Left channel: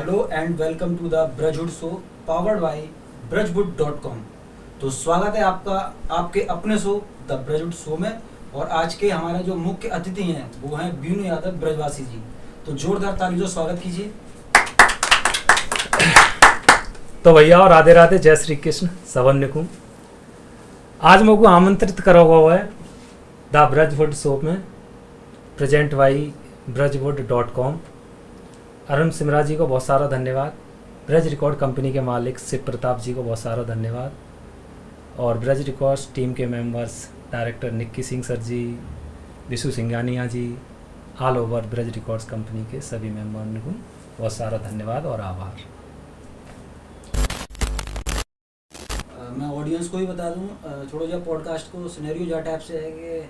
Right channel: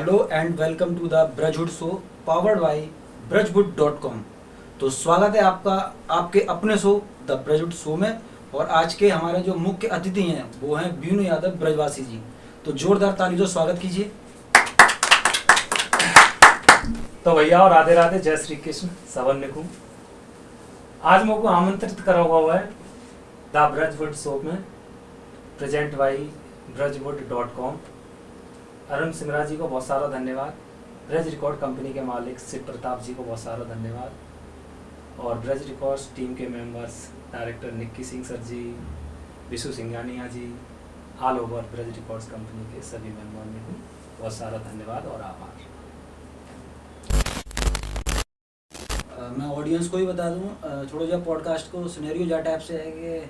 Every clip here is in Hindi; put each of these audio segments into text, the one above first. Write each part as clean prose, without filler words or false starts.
Hello and welcome to the Brajwood show powered by brajwood.com। तो स्वागत है आपका आपके अपने शो द ब्रजहुड शो में। और आज के हमारे जो मुख्य अतिथि हैं वो हैं बीनू यादव ब्रजवासी जी। तो जोरदार ताली से स्वागत कीजिए। तो भैया और राधे राधे, जय श्री कृष्ण सबन को। आज मुझको आमंत्रित करा हुआ है द ब्रजवुड शो में, present by brajwood.com। Arun Simra ji को बहुत सारा धन्यवाद। ब्रज रिकॉर्ड कंपनी के मालिक शिव प्रताप जी को बहुत सारा धन्यवाद। और ब्रज रिकॉर्ड्स टीम के members director Nikki Singh sir ji, Vishu Singhania ji, all over Braj Records company के सभी मेंबरों को बहुत सारा धन्यवाद और आभार। मैं ऑडियंस को भी बता दूं, थोड़ा जो पॉडकास्ट को सिनेरियो जा टाइप से है कि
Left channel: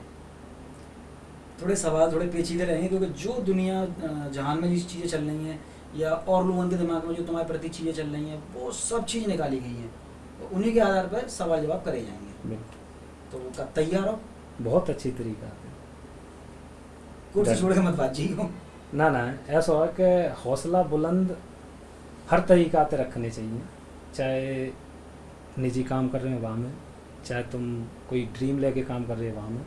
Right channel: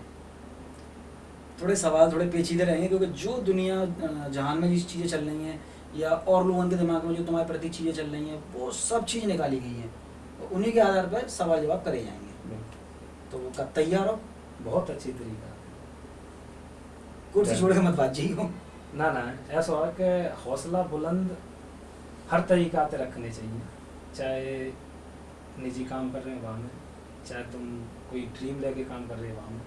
थोड़े सवाल थोड़े पेचीदे रहेंगे, क्योंकि जो दुनिया जहान में जिस चीज़ें चल रही हैं या और लोगों के दिमाग में जो तुम्हारे प्रति चीज़ें चल रही हैं वो सब चीज़ निकाली गई हैं, तो उन्हीं के आधार पर सवाल जवाब करे जाएंगे। तो कब तैयार हो? बहुत अच्छी तरीका। कुर्सी छोड़ के मत बातचीत हो। ना ऐसा है कि हौसला बुलंद हर तरीका से रखने चाहिए, चाहे निजी काम कर रहे हो वहाँ में, चाहे तुम कोई ड्रीम लेके काम कर रहे हो वहाँ में,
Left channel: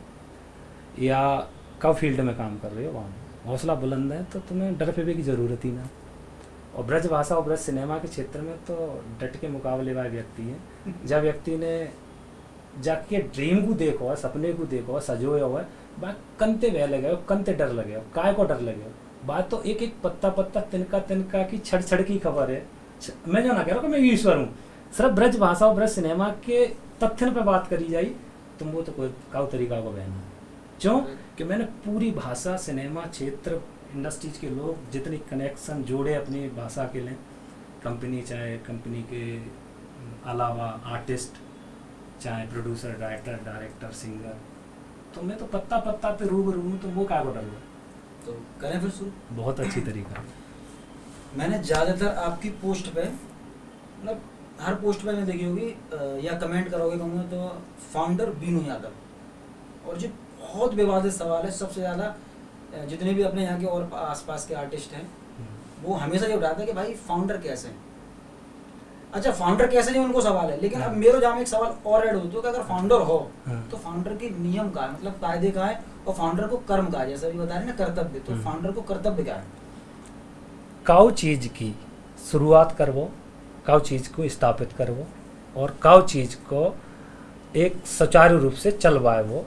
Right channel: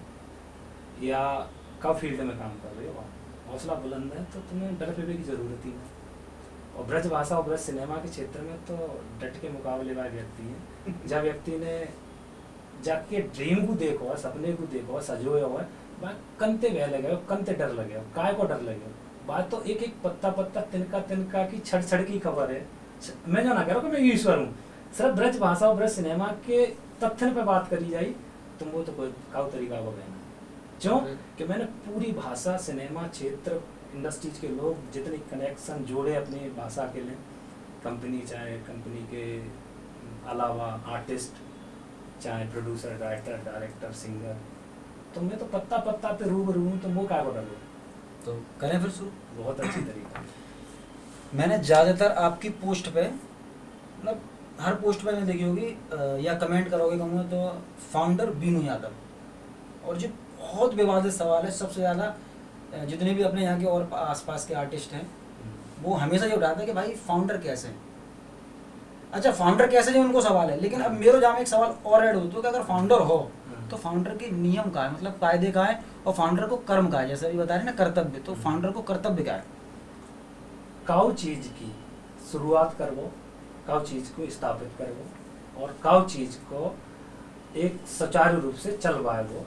या कब फील्ड में काम कर रहे हो वहाँ में हौसला बुलंद है तो तुम्हें डर पे की ज़रूरत ही ना। और ब्रज भाषा और ब्रज सिनेमा के क्षेत्र में तो डट के मुकाबले वाले व्यक्ति हैं। जब व्यक्ति ने जाके ड्रीम को देखो है, सपने को देखो है, सजोया हुआ है, बात कंते वह लगे हो, कंते डर लगे हो, काय को डर लगे हो। बात तो एक एक पत्ता पत्ता तिनका तिनका की छड़ छड़ की खबर है। मैं जो ना कह रहा हूँ कि मैं ईश्वर हूँ, सिर्फ ब्रज भाषा और ब्रज सिनेमा के तथ्य पे बात करी जाए तुम वो तो कोई काउ तरीका को बहना। क्यों कि मैंने पूरी भाषा सिनेमा क्षेत्र इंडस्ट्रीज के लोग जितने कनेक्शन जोड़े अपनी भाषा के लिए, कंपनी चाहे कंपनी के अलावा आर्टिस्ट, चाहे प्रोड्यूसर, डायरेक्टर, सिंगर, तो मैं तो पत्ता पत्ता पे रूबरू हूँ, तो वो क्या बोला लो। तो करें फिर शुरू। बहुत अच्छी तरीका। मैंने ज़्यादातर आपकी पोस्ट पे, मतलब हर पोस्ट पे मैंने देखी होगी या कमेंट करोगे कहूँगा तो फाउंडर बीनू यादव। और जो बहुत विवादित सवाल है, सबसे ज़्यादा जितने भी अपने यहाँ के और आसपास के आर्टिस्ट हैं वो हमेशा ये उठाते हैं कि भाई फाउंडर कैसे हैं। अच्छा, फाउंडर कैसे नहीं उनको सवाल है, लेकिन अब मेरे जहाँ में एक सवाल और ऐड होता है कि अगर फाउंडर हो तो फाउंडर के नियम का है, मतलब कायदे का है, और फाउंडर को कर्म का है। जैसे अभी बता रहे ना कर्तव्य, तो फाउंडर को कर्तव्य क्या है? काउ चीज की शुरुआत करवो, काउ चीज को स्थापित करवो, और काउ चीज को एक सुचारू रूप से चलवाए। वो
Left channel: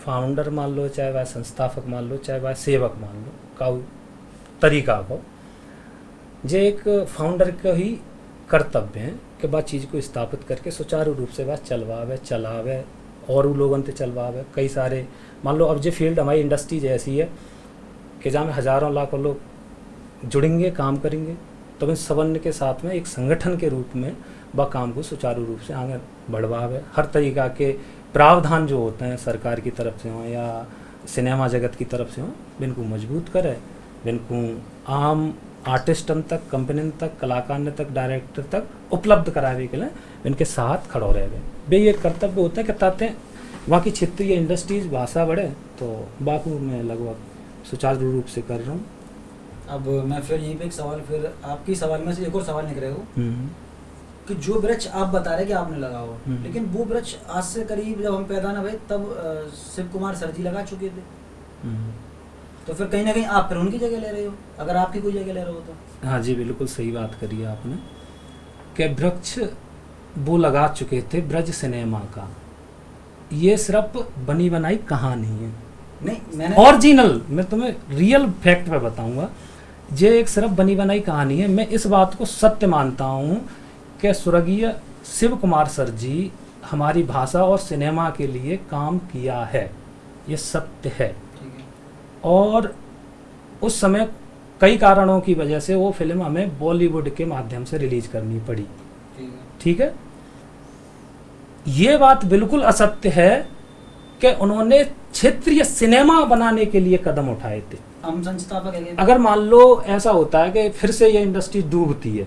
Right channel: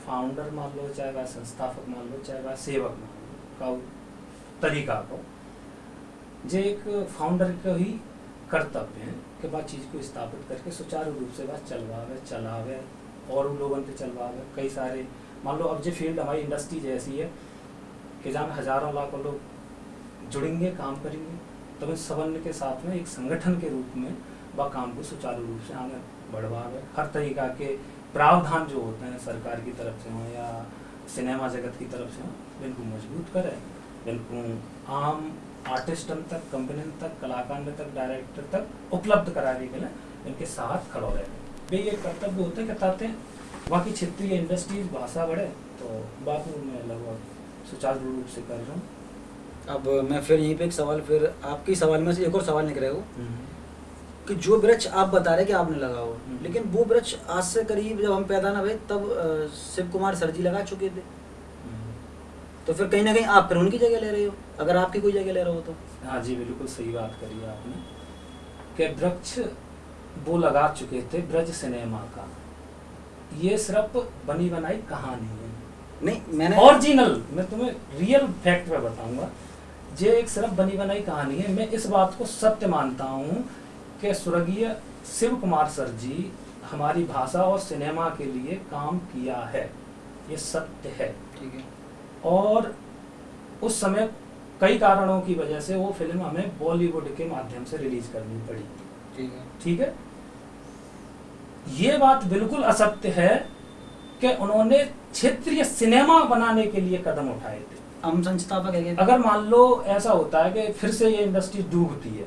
फाउंडर मान लो, चाहे वह संस्थापक मान लो, चाहे वह सेवक मान लो, काउ तरीका को जो एक फाउंडर का ही कर्तव्य है कि वह चीज़ को स्थापित करके सुचारू रूप से वह चलवावे, चलावे और लोगों से चलवावे। कई सारे मान लो अब जो फील्ड हमारी इंडस्ट्री जैसी है कि जहाँ हज़ारों लाखों लोग जुड़ेंगे, काम करेंगे, तो इस सबन के साथ में एक संगठन के रूप में वह काम को सुचारू रूप से आगे बढ़वावे। हर तरीका के प्रावधान जो होते हैं सरकार की तरफ से हों या सिनेमा जगत की तरफ से हों, इनको मजबूत करे, इनको आम आर्टिस्टन तक, कंपनी तक, कलाकार तक, डायरेक्टर तक उपलब्ध कराने के लिए इनके साथ खड़ो रह गए। वे ये कर्तव्य होते हैं कहते हैं वहाँ की क्षेत्रीय इंडस्ट्रीज भाषा बढ़े, तो बापू मैं लगभग सुचारू रूप से कर रहा हूँ। अब मैं फिर यहीं पे एक सवाल, फिर आपके सवाल में से एक और सवाल निकले हो कि जो वृक्ष आप बता रहे कि आपने लगा हो, लेकिन वो वृक्ष आज से करीब जब हम पैदा ना हुए तब शिव कुमार सर जी लगा चुके थे, तो फिर कहीं ना कहीं आप फिर उनकी जगह ले रहे हो, अगर आपकी कोई जगह ले रहे हो तो। हाँ जी, बिल्कुल सही बात करी आपने कि वृक्ष वो लगा चुके थे ब्रज सिनेमा का। ये सिर्फ बनी बनाई कहानी है नहीं, मैंने ओरिजिनल, मैं तुम्हें रियल फैक्ट में बताऊंगा। ये एक सिर्फ बनी बनाई कहानी है। मैं इस बात को सत्य मानता हूँ कि स्वर्गीय शिव कुमार सर जी हमारी भाषा और सिनेमा के लिए काम किया है, ये सत्य है। ठीक है। और उस समय कई कारणों की वजह से वो फिल्म हमें बॉलीवुड के माध्यम से रिलीज करनी पड़ी। ठीक है। ये बात बिल्कुल असत्य है कि उन्होंने क्षेत्रीय सिनेमा बनाने के लिए कदम उठाए थे। हम संस्थापक है। अगर मान लो ऐसा होता है कि फिर से ये इंडस्ट्री डूबती है,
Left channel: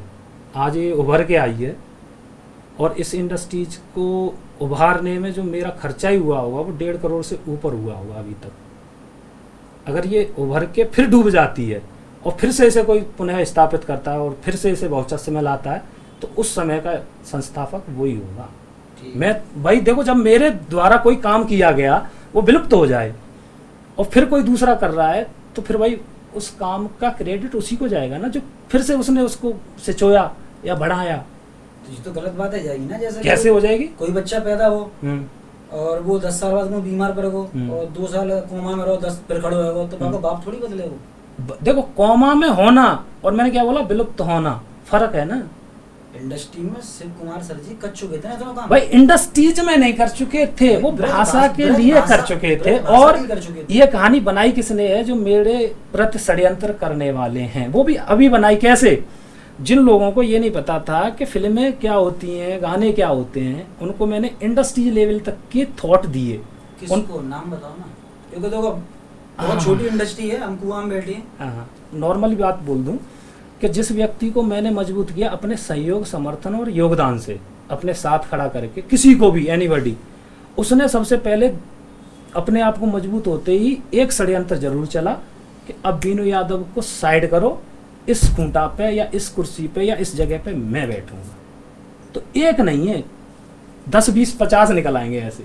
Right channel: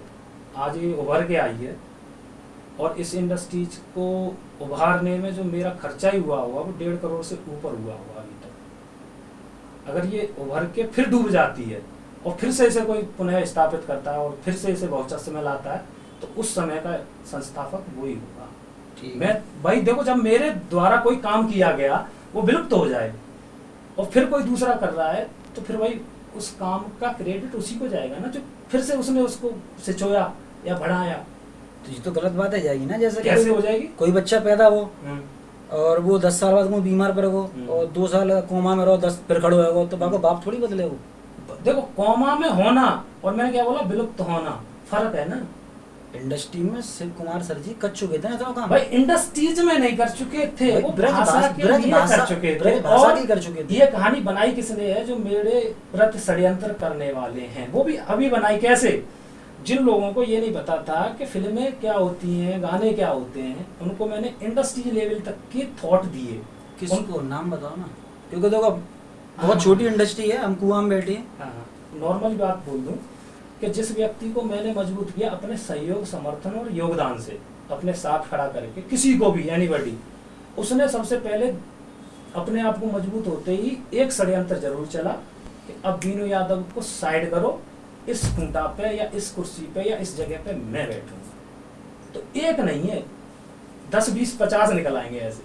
आज ये उभर के आई है, और इस इंडस्ट्रीज को उभारने में जो मेरा खर्चा ही हुआ होगा वो 1.5 करोड़ से ऊपर हुआ होगा अभी तक। अगर ये उभर के फिर डूब जाती है और फिर से इसे कोई पुनः स्थापित करता है और फिर से इसे बहुचस्से में लाता है, तो उस समय का संस्थापक वही होगा। ठीक। मैं भाई देखो, जब मेरे द्वारा कोई काम किया गया वो विलुप्त हो जाए और फिर कोई दूसरा कर रहा है, तो फिर भाई उस काम का क्रेडिट उसी को जाएगा ना, जो फिर से उसने उसको सिचोया या बढ़ाया। तो ये तो गलत बात है जाएगी ना। जैसे कैसे हो जाएगी? कोई बच्चा पैदा हो और वो 10 साल बाद वो बीमार पड़ेगा और 2 साल कोमा में रहो, 10 फिर खड़ो होगा, तो बाप बाप थोड़ी बदले हो। देखो, कोमा में होना और मैंने क्या बोला, विलुप्त होना, फर्क है ना। इंडस्ट्री में शिव कुमार सर जी कर चुके थे ना तो काम। भाई इंडस्ट्रीज में नहीं कर चुके थे, वो भाषा के लिए कर चुके थे। और ये कहानी बनाई किसने है? जो मेरे प्रति षड्यंत्र करने वाले हैं, वो भी अभी बनाई। कैसे? जिन लोगों को ये नहीं पता था कि फिल्में क्या होती हैं, गाने क्या होते हैं, उनको मैंने इंडस्ट्री लेवल तक के थॉट दिए। किसको नाम बताओ ना, क्योंकि देखो बहुत छोटी इंडस्ट्री है, हम कुआं में बैठे हैं। नॉर्मल बात बोल दूं कि जिस व्यक्ति को मैंने मजबूत किया अपने सहयोग, समर्थन और योगदान से, अपने साथ खड़ा करके, किसी को भी, एनीबॉडी, उसने सबसे पहले अपने आप को मजबूत होते ही एक षड्यंत्र जरूर चला कि अब बीनू यादव को साइड करो, इस खूंटा पे या इस कुर्सी पे या इस जगह पे मैं बैठूंगा। तो एक नहीं है, 10, 20, 50 निकल आएंगे ऐसे।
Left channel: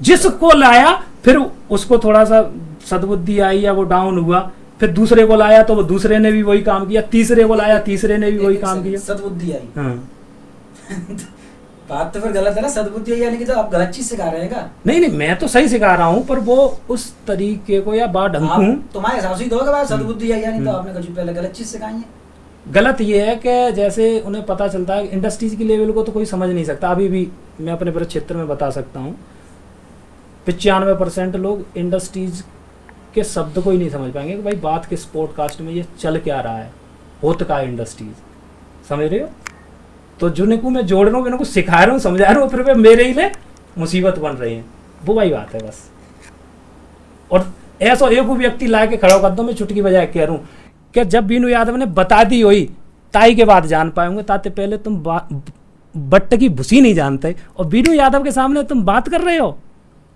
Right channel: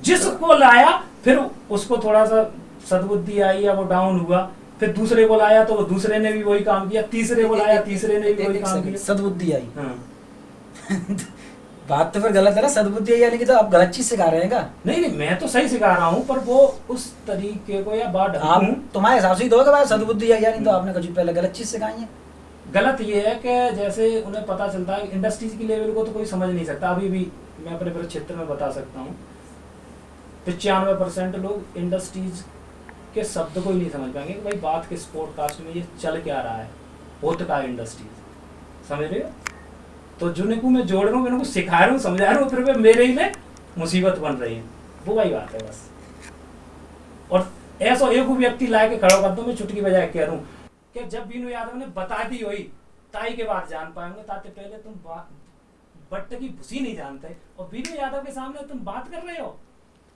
जिसको लाया फिर उसको थोड़ा सा सद्बुद्धि आई या वो डाउन हुआ, फिर दूसरे को लाया तो वो दूसरे ने भी वही काम किया, तीसरे को लाया, तीसरे ने भी वही काम किया, सद्बुद्धि आई। बात तो फिर गलत है ना, सद्बुद्धि यानी कि तो आप गलत चीज सिखा रहे हैं क्या? नहीं, मैं तो सही सिखा रहा हूँ, पर वो उस तरीके को या बात तुम्हारे हिसाब से ही तो होगा भाई, सद्बुद्धि आई यानी तो आपने कुछ पहले गलत चीज सिखाई है। गलत ये है कि जैसे उन्हें पता चलता है इंडस्ट्रीज की लेवल को तो कोई समझ नहीं सकता। अभी भी मैं अपने पूरे क्षेत्र में बता सकता हूँ 95% लोग इंडस्ट्रीज के शब्द को ही नहीं समझ पाएंगे कि भाई बात किस पॉडकास्ट में ये चल क्या रहा है, होता का इंडस्ट्रीज, समझ रहे हो? तो जिनको मैं जोड़ रहा हूँ, इनको सिखा रहा हूँ, समझा रहा हूँ, फिर वे मेरे ही में मुसीबत बन रही है। वो वही बात है बस। और ऐसा एक व्यक्ति ला के खड़ा कर दो, मैं चुटकी बजाय कह रहा हूँ कि जब बीनू यादव ने बता दी हुई ताई के बाद जान पाएंगे, ताते पहले तुम बट्ट की भूसी नहीं जानते और बीनू यादव के सामने तुम बात कर रहे हो।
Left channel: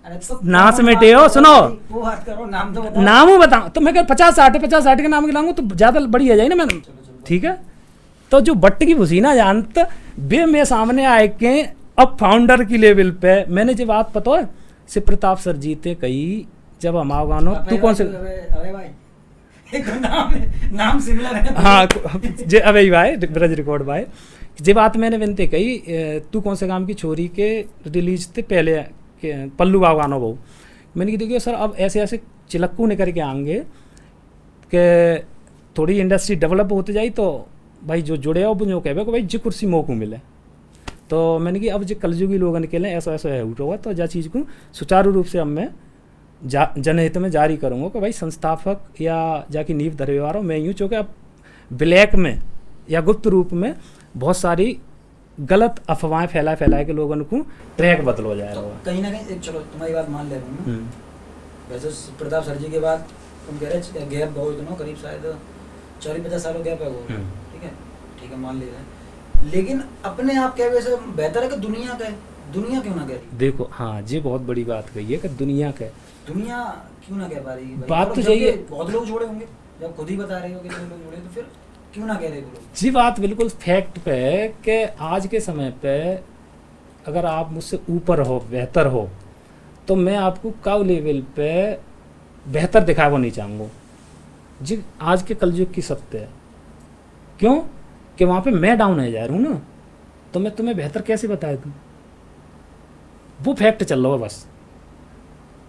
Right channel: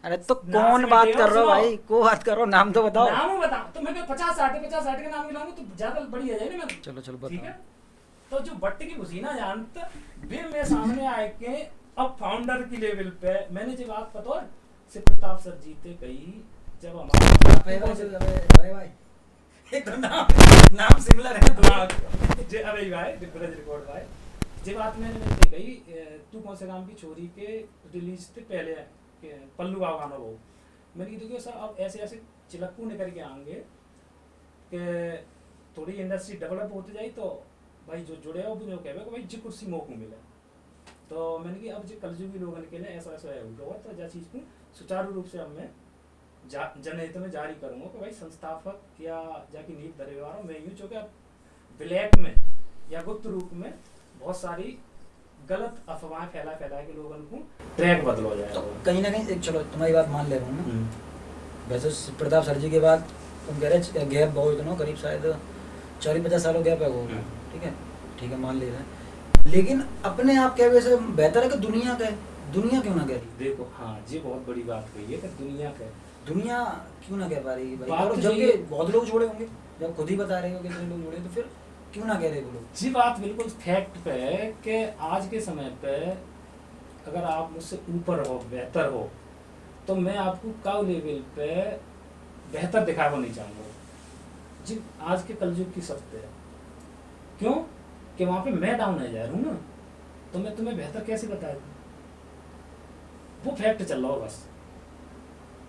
अरे तो नाच मिटे हो, सुनो, वो बात करो, नाम तो बताओ। नाम बताओ तो मैं 50-60 के नाम गिलाऊंगा तो ज्यादा बड़ी आ जाए ना। मैं चलो ठीक है, तो जो बट्ट की भूसी ना जानते वे मेरे सामने आए के अब फाउंडर की लेवल पे मैंने जो बात पता है शिव प्रताप सर जी थे कही, जब हम तू कौन से नाम सिमिलर है। हाँ जे अबे भाई ब्रज रिकॉर्ड भाई, जे बात मैंने विनते कही, तू कौन से काम की छोरी के रिलीज थे पहले पल्लू बाबू गानो बहु, मैंने कहा देखिए सर अब ऐसे ऐसे चिलक्कू निकल के आएंगे कि थोड़ी इंडस्ट्री डेवलप होते जाए, तो भाई जो जुड़े हो जो कहे भाई जी कुर्सी मौकू मिले। तो मैंने कि अब जो कलयुगी लोग निकले ऐसा ऐसा है होगा, तो जा चीज़ को सुचारू रूप से अब मैं जनहित में जारी करूँगा कि भाई संस्थापक या जाकी नींव धरे वाला मैं यूँ, चूँकि अब ब्लैक में या गुप्त रूप में बहुत सारी गलत अफवाहें फैलाए के लोगों को ट्रैक बदल हो जाएगा। तो कहीं ना कहीं चलो तुम्हारी बात मान ले रहा हूँ ना, वैसे प्रताप सर जी के बाद तुम कह रहे गैप बहुत दिनों करीब शायद 40-50 सालों गैप है वो, ठीक है मान ले रहे हैं, लेकिन अपने आप क्या वैसे बेहतर है कि दुनिया क्यों ना कह रही? देखो हाँ जी, बहुत बड़ी बात कही है कि दुनिया क्यों ना कह पा रही है? बात तो जब बहुत लोग जुड़े होंगे, जब खुद ही बता रहे हो कितने लोग जुड़े, तो फिर क्यों ना कह रहे लोग? जी बात बिल्कुल फैक्ट पे है कि आज के समय पे अगर आप मुझसे ऊपर हो, बेहतर हो, तो मैं आपको काउ लेवल पे बेहतर दिखावा नहीं चाहूँगा जी। आज के कलयुग की सत्य है, क्यों कि वहाँ पे मैं डाउन है जा रहा हूँ ना, तो मैं तुम्हें बेहतर कैसे बता दूँ? वो फैक्ट चल रहा है बस।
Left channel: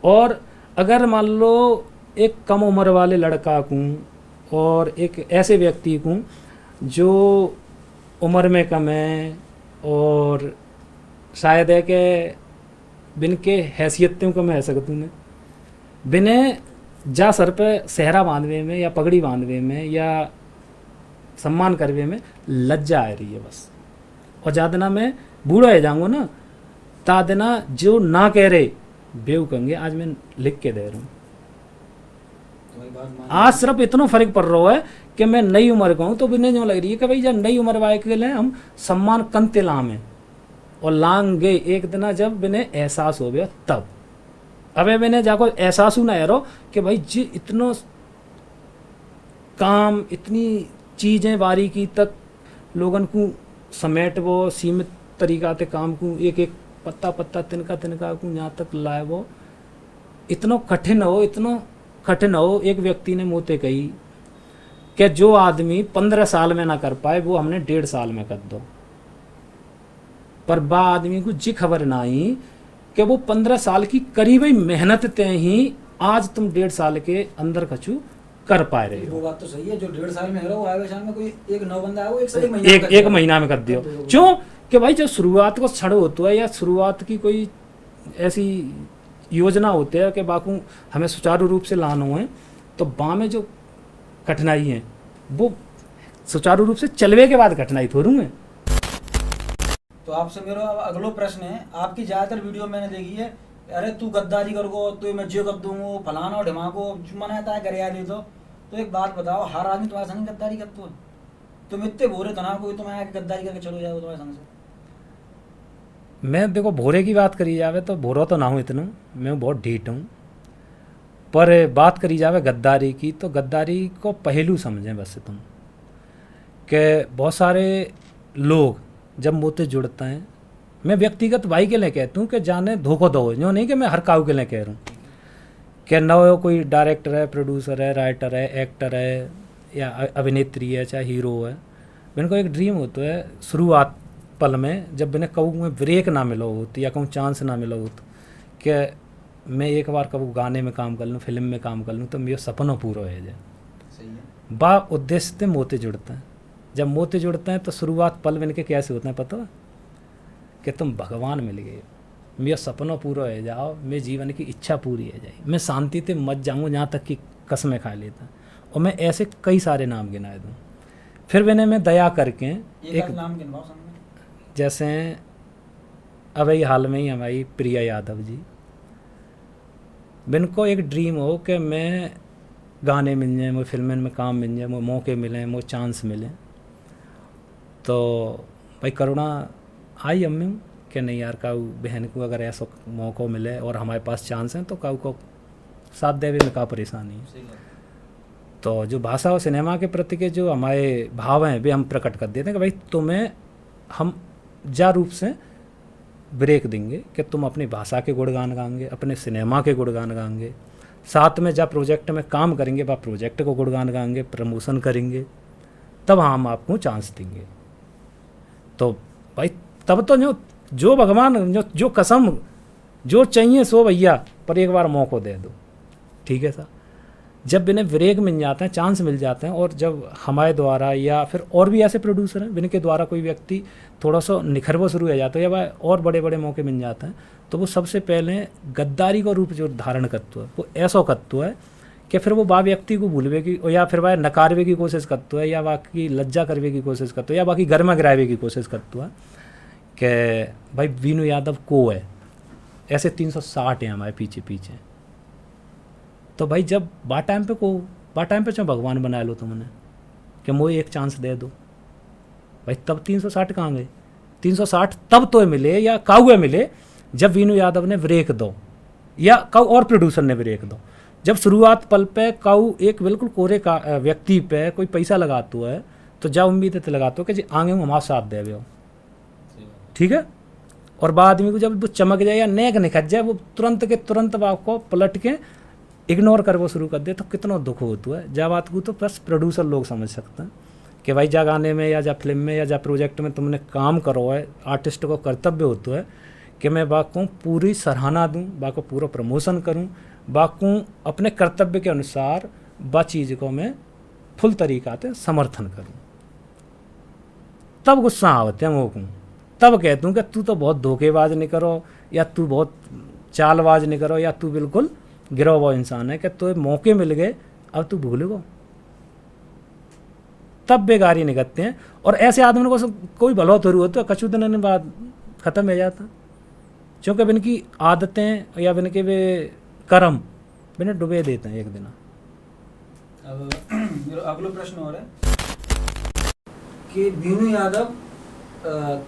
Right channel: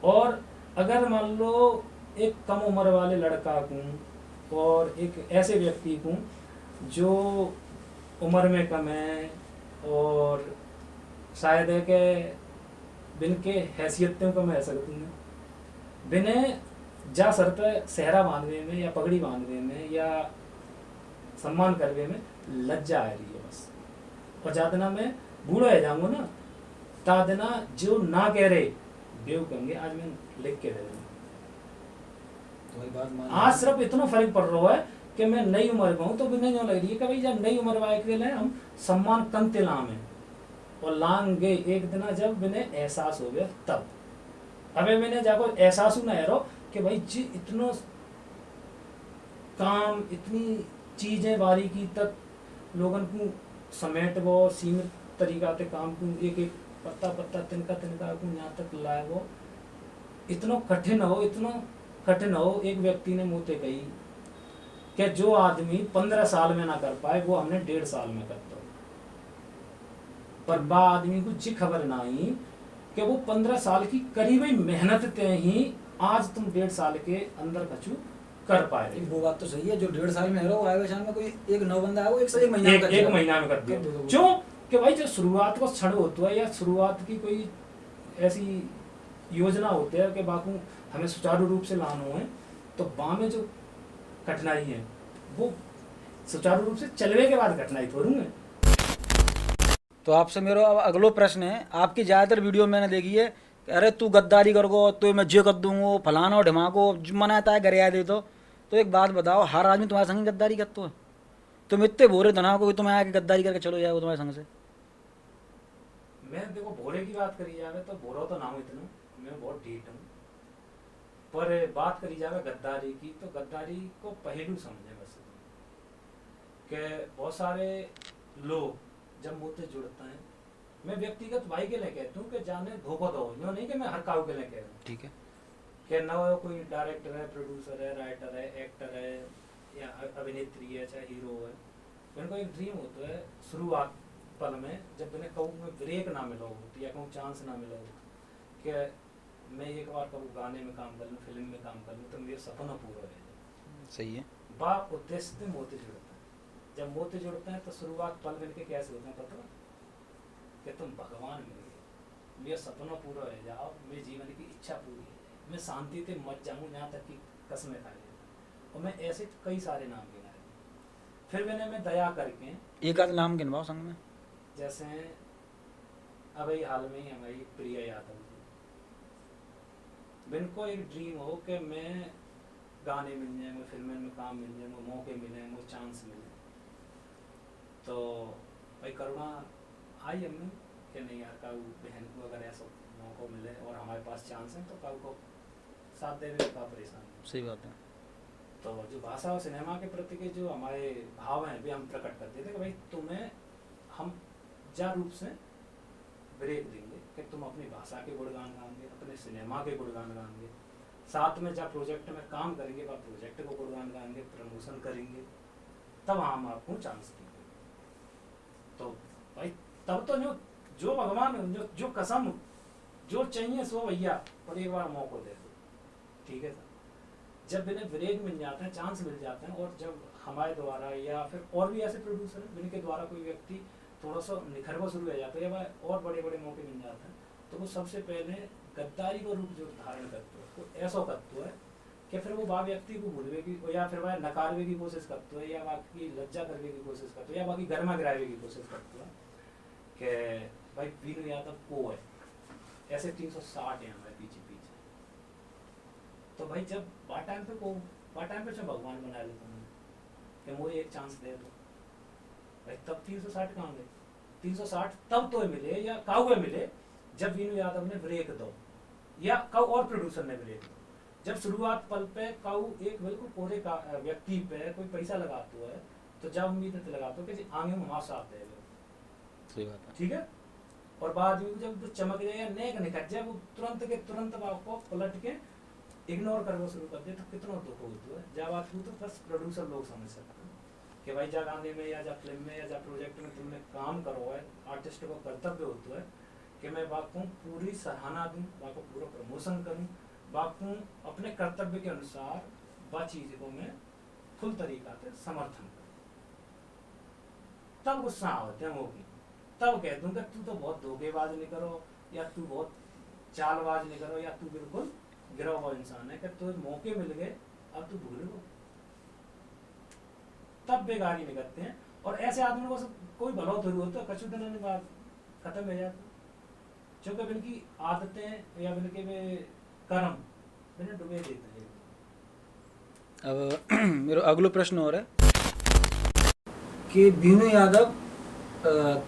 और अगर मान लो एक कम उम्र वाले लड़का को और एक ऐसे व्यक्ति को जो उम्र में कम है और शायद है कि बिन के हैसियतों को मैं सकता हूँ, बिने जा सर पे सहरा बांधवे में या पगड़ी बांधवे में या सम्मान करवे में लज्जा आ रही है बस। और ज़्यादा ना मैं बूढ़ा हो जाऊँगा ना, तादना जो ना कह रहे बेव कहेंगे। आज मैं लिख के दे रहा हूँ, आज सिर्फ इतना फर्क पड़ रहा है कि मैं नई उम्र का हूँ, तो बिना जो लग रही है कि भाई जब नई उम्र वाले के लिए हम सम्मान कंते लाम है और लांग गए एक दिन जब बिने एहसास हो गया तब। अबे मैंने जाको एहसास ना यारो कि भाई जी इतना काम, इतनी चीज़ें बारीकी तक लोगन को समेट वो सीमित तरीका से काम को एक एक पत्ता पत्ता तिनका तिनका को यहाँ तक लाए वो इतना कठिन हो। एक व्यक्ति ने मुँहते कही कि जो आदमी 15 साल में ना कर पाए वो हमने 1.5 साल में कर दो। पर बा आदमी को जी खबर ना आई कि वो 15 साल की करीब ही मेहनत ते ही आज तुम 1.5 साल के अंदर कछु कर पाए रहे हो। वो बात तो सही है, जो 1.5 साल में है वो आए शाम में कोई एक नौ बंदा है वो एक महीना में कर दियो। क्यों कि भाई जो शुरुआत को छड़ होता है या शुरुआत की कोई ऐसी योजना होती है कि बाकू हमें सुचारू रूप से लाना है, तो बा में जो कठिनाई है वो सुचारू रूप से चलवे के बाद कठिनाई थोड़ू है। तो आपसे मेरा अगलो प्रश्न है, आपकी ज्यादातर वीडियो मैंने देखी है, अरे तू गद्दारी करोगो तो मैं जे कर दूंगो फलाना और ढिमाको मनाता है गरिया दे तो एक बात बताओ, हर आदमी तुम्हारे संग गद्दारी करते हो? तुम इतने भोरे तो ना कोई तुम्हें आके गद्दारी करके चलो जाओ तुम्हारे संग से। मैं देखो भोरे की बात करी जावे तो भोरा तो ना हूँ इतना, मैं बहुत ढीठ हूँ। पर बात करी जावे गद्दारी की तो गद्दारी को पहलू समझें बस तुम कि बहुत सारे लोग जब मुझसे जुड़ते हैं, मैं व्यक्तिगत भाई के लिए कहता हूँ कि जाने धोखो दो, जो नहीं कि मैं हर काऊ के लिए कह रहा हूँ कि न हो कोई डायरेक्टर है, प्रोड्यूसर है, राइटर है, एक्टर है या अभिनेत्री है, चाहे हीरो है। मैंने को एक ड्रीम होता है शुरुआत पल में, जब मैंने कहूँ में ब्रेक ना मिला होती या कहूँ चांस ना मिला होता कि मैं एक बार कभी गाने में काम कर लूँ, फिल्म में काम कर लूँ, तो मेरा सपना पूरा हो जाए। सही है। बा उद्देश्य से मोते जुड़ते हैं। जब मोते जुड़ते हैं तो शुरुआत पल में के कैसे होते हैं पता है कि तुम भगवान मिल गए, मेरा सपना पूरा हो जाओ, मेरे जीवन की इच्छा पूरी हो जाए, मैं शांति से मत जाऊँ, यहाँ तक कि कसमें खा लेता। और मैं ऐसे कई सारे नाम गिनाए दूँ। फिर मैं दया करके एक नाम गिनवाओ संग में। जैसे अभी हाल में ही हमारी प्रिया यादव जी, इनको एक ड्रीम हो कि मैं गाने मिल जाए, मुझे फिल्म में काम मिल जाए, मुझे मौके मिले, मुझे चांस मिले, तो भाई करुणा आई अम्मी कि नहीं यार काऊ बहन को अगर ऐसा मौका मिले और हमारे पास चांस है तो काऊ को साथ देवे में का परेशानी है। सही बात। तो जो भाषा और सिनेमा के प्रति के जो हमारे भाव हैं वे हम प्रकट कर देते हैं कि भाई तुम्हें हम जा रूप से ब्रेक देंगे कि तुम अपनी भाषा के गुणगान गाएंगे, अपने सिनेमा के गुणगान गाएंगे, साथ में जब प्रोजेक्ट में काम करेंगे वह प्रोजेक्ट को गुणगान गाएंगे, प्रमोशन करेंगे, तब हम आपको चांस देंगे। तो भाई तब तो जो भगवान जो कसम जो चाहिए सो भैया, पर एक बार मौका दे दो, ठीक है सर। जब इन्हें ब्रेक मिल जाते हैं, चांस मिल जाते हैं, और जब हमारे द्वारा या फिर और भी ऐसे प्रोड्यूसर हैं जिनके द्वारा कोई व्यक्ति थोड़ा सा निखरवा शुरू हो जाता है या वह और बड़े बड़े मौके मिल जाते हैं, तो वो सबसे पहले गद्दारी का रूप जो धारण करता है वो ऐसा करता है कि फिर वो बा व्यक्ति को भूलवे की या फिर वह नकारवे की कोशिश करता है या बाकी लज्जा करवे की कोशिश करता है या बाकी घर में गिरावे की कोशिश करता है कि भाई वीनू यादव को है। ऐसे 360 हैं हमारे पीछे पीछे। तो भाई जब बा टाइम पे चाहे भगवान बना लो तुमने कि मुझे एक चांस दे दो, भाई तब 360 कहाँ गए? 360 तब तो मिले या काउए मिले जब वीनू यादव ने ब्रेक दो या काऊ और प्रोड्यूसर ने ब्रेक दो। जब शुरुआत पल पे काऊ एक बिल्कुल कोरे का व्यक्ति पे कोई पैसा लगाता है तो जब उम्मीद लगाता हो कि जी आगे हमारा साथ दे हो, ठीक है। और बाद आदमी को जब वो चमक जाए या नेक निखट जाए, वो तुरंत के तुरंत बाप को पलट के इग्नोर कर वो शुरू कर दे, तो कितना दुख होता है। जब बात को तो बस प्रोड्यूसर लोग समझ सकते हैं कि भाई जा गाने में या जा फिल्म में या जा प्रोजेक्ट में तुमने काम करो है, आर्टिस्ट को कर्तव्य होता है कि मैं बाको पूरी सराहना दूं, बाको पूरा प्रमोशन करूं, बाको अपने कर्तव्य के अनुसार बा चीज़ को मैं फुल तरीका से समर्थन करूं। तब गुस्सा आवते हैं वो, तब कहता हूँ कि तू तो बहुत धोखेबाज नहीं करो या तू बहुत चालबाज नहीं करो या तू बिल्कुल गिरा हुआ इंसान है कि तो मौके मिल गए अब तू भूल गो। तब बेगारी निकलते हैं और ऐसे आदमी को कोई भला थोड़ी होता है, कछु दिन बाद ख़त्म हो जाता, क्योंकि इनकी आदतें या इनके वे कर्म इन्हें डुबे देते हैं एक दिन। अब मेरा अगला प्रश्न और है कि वीनू यादव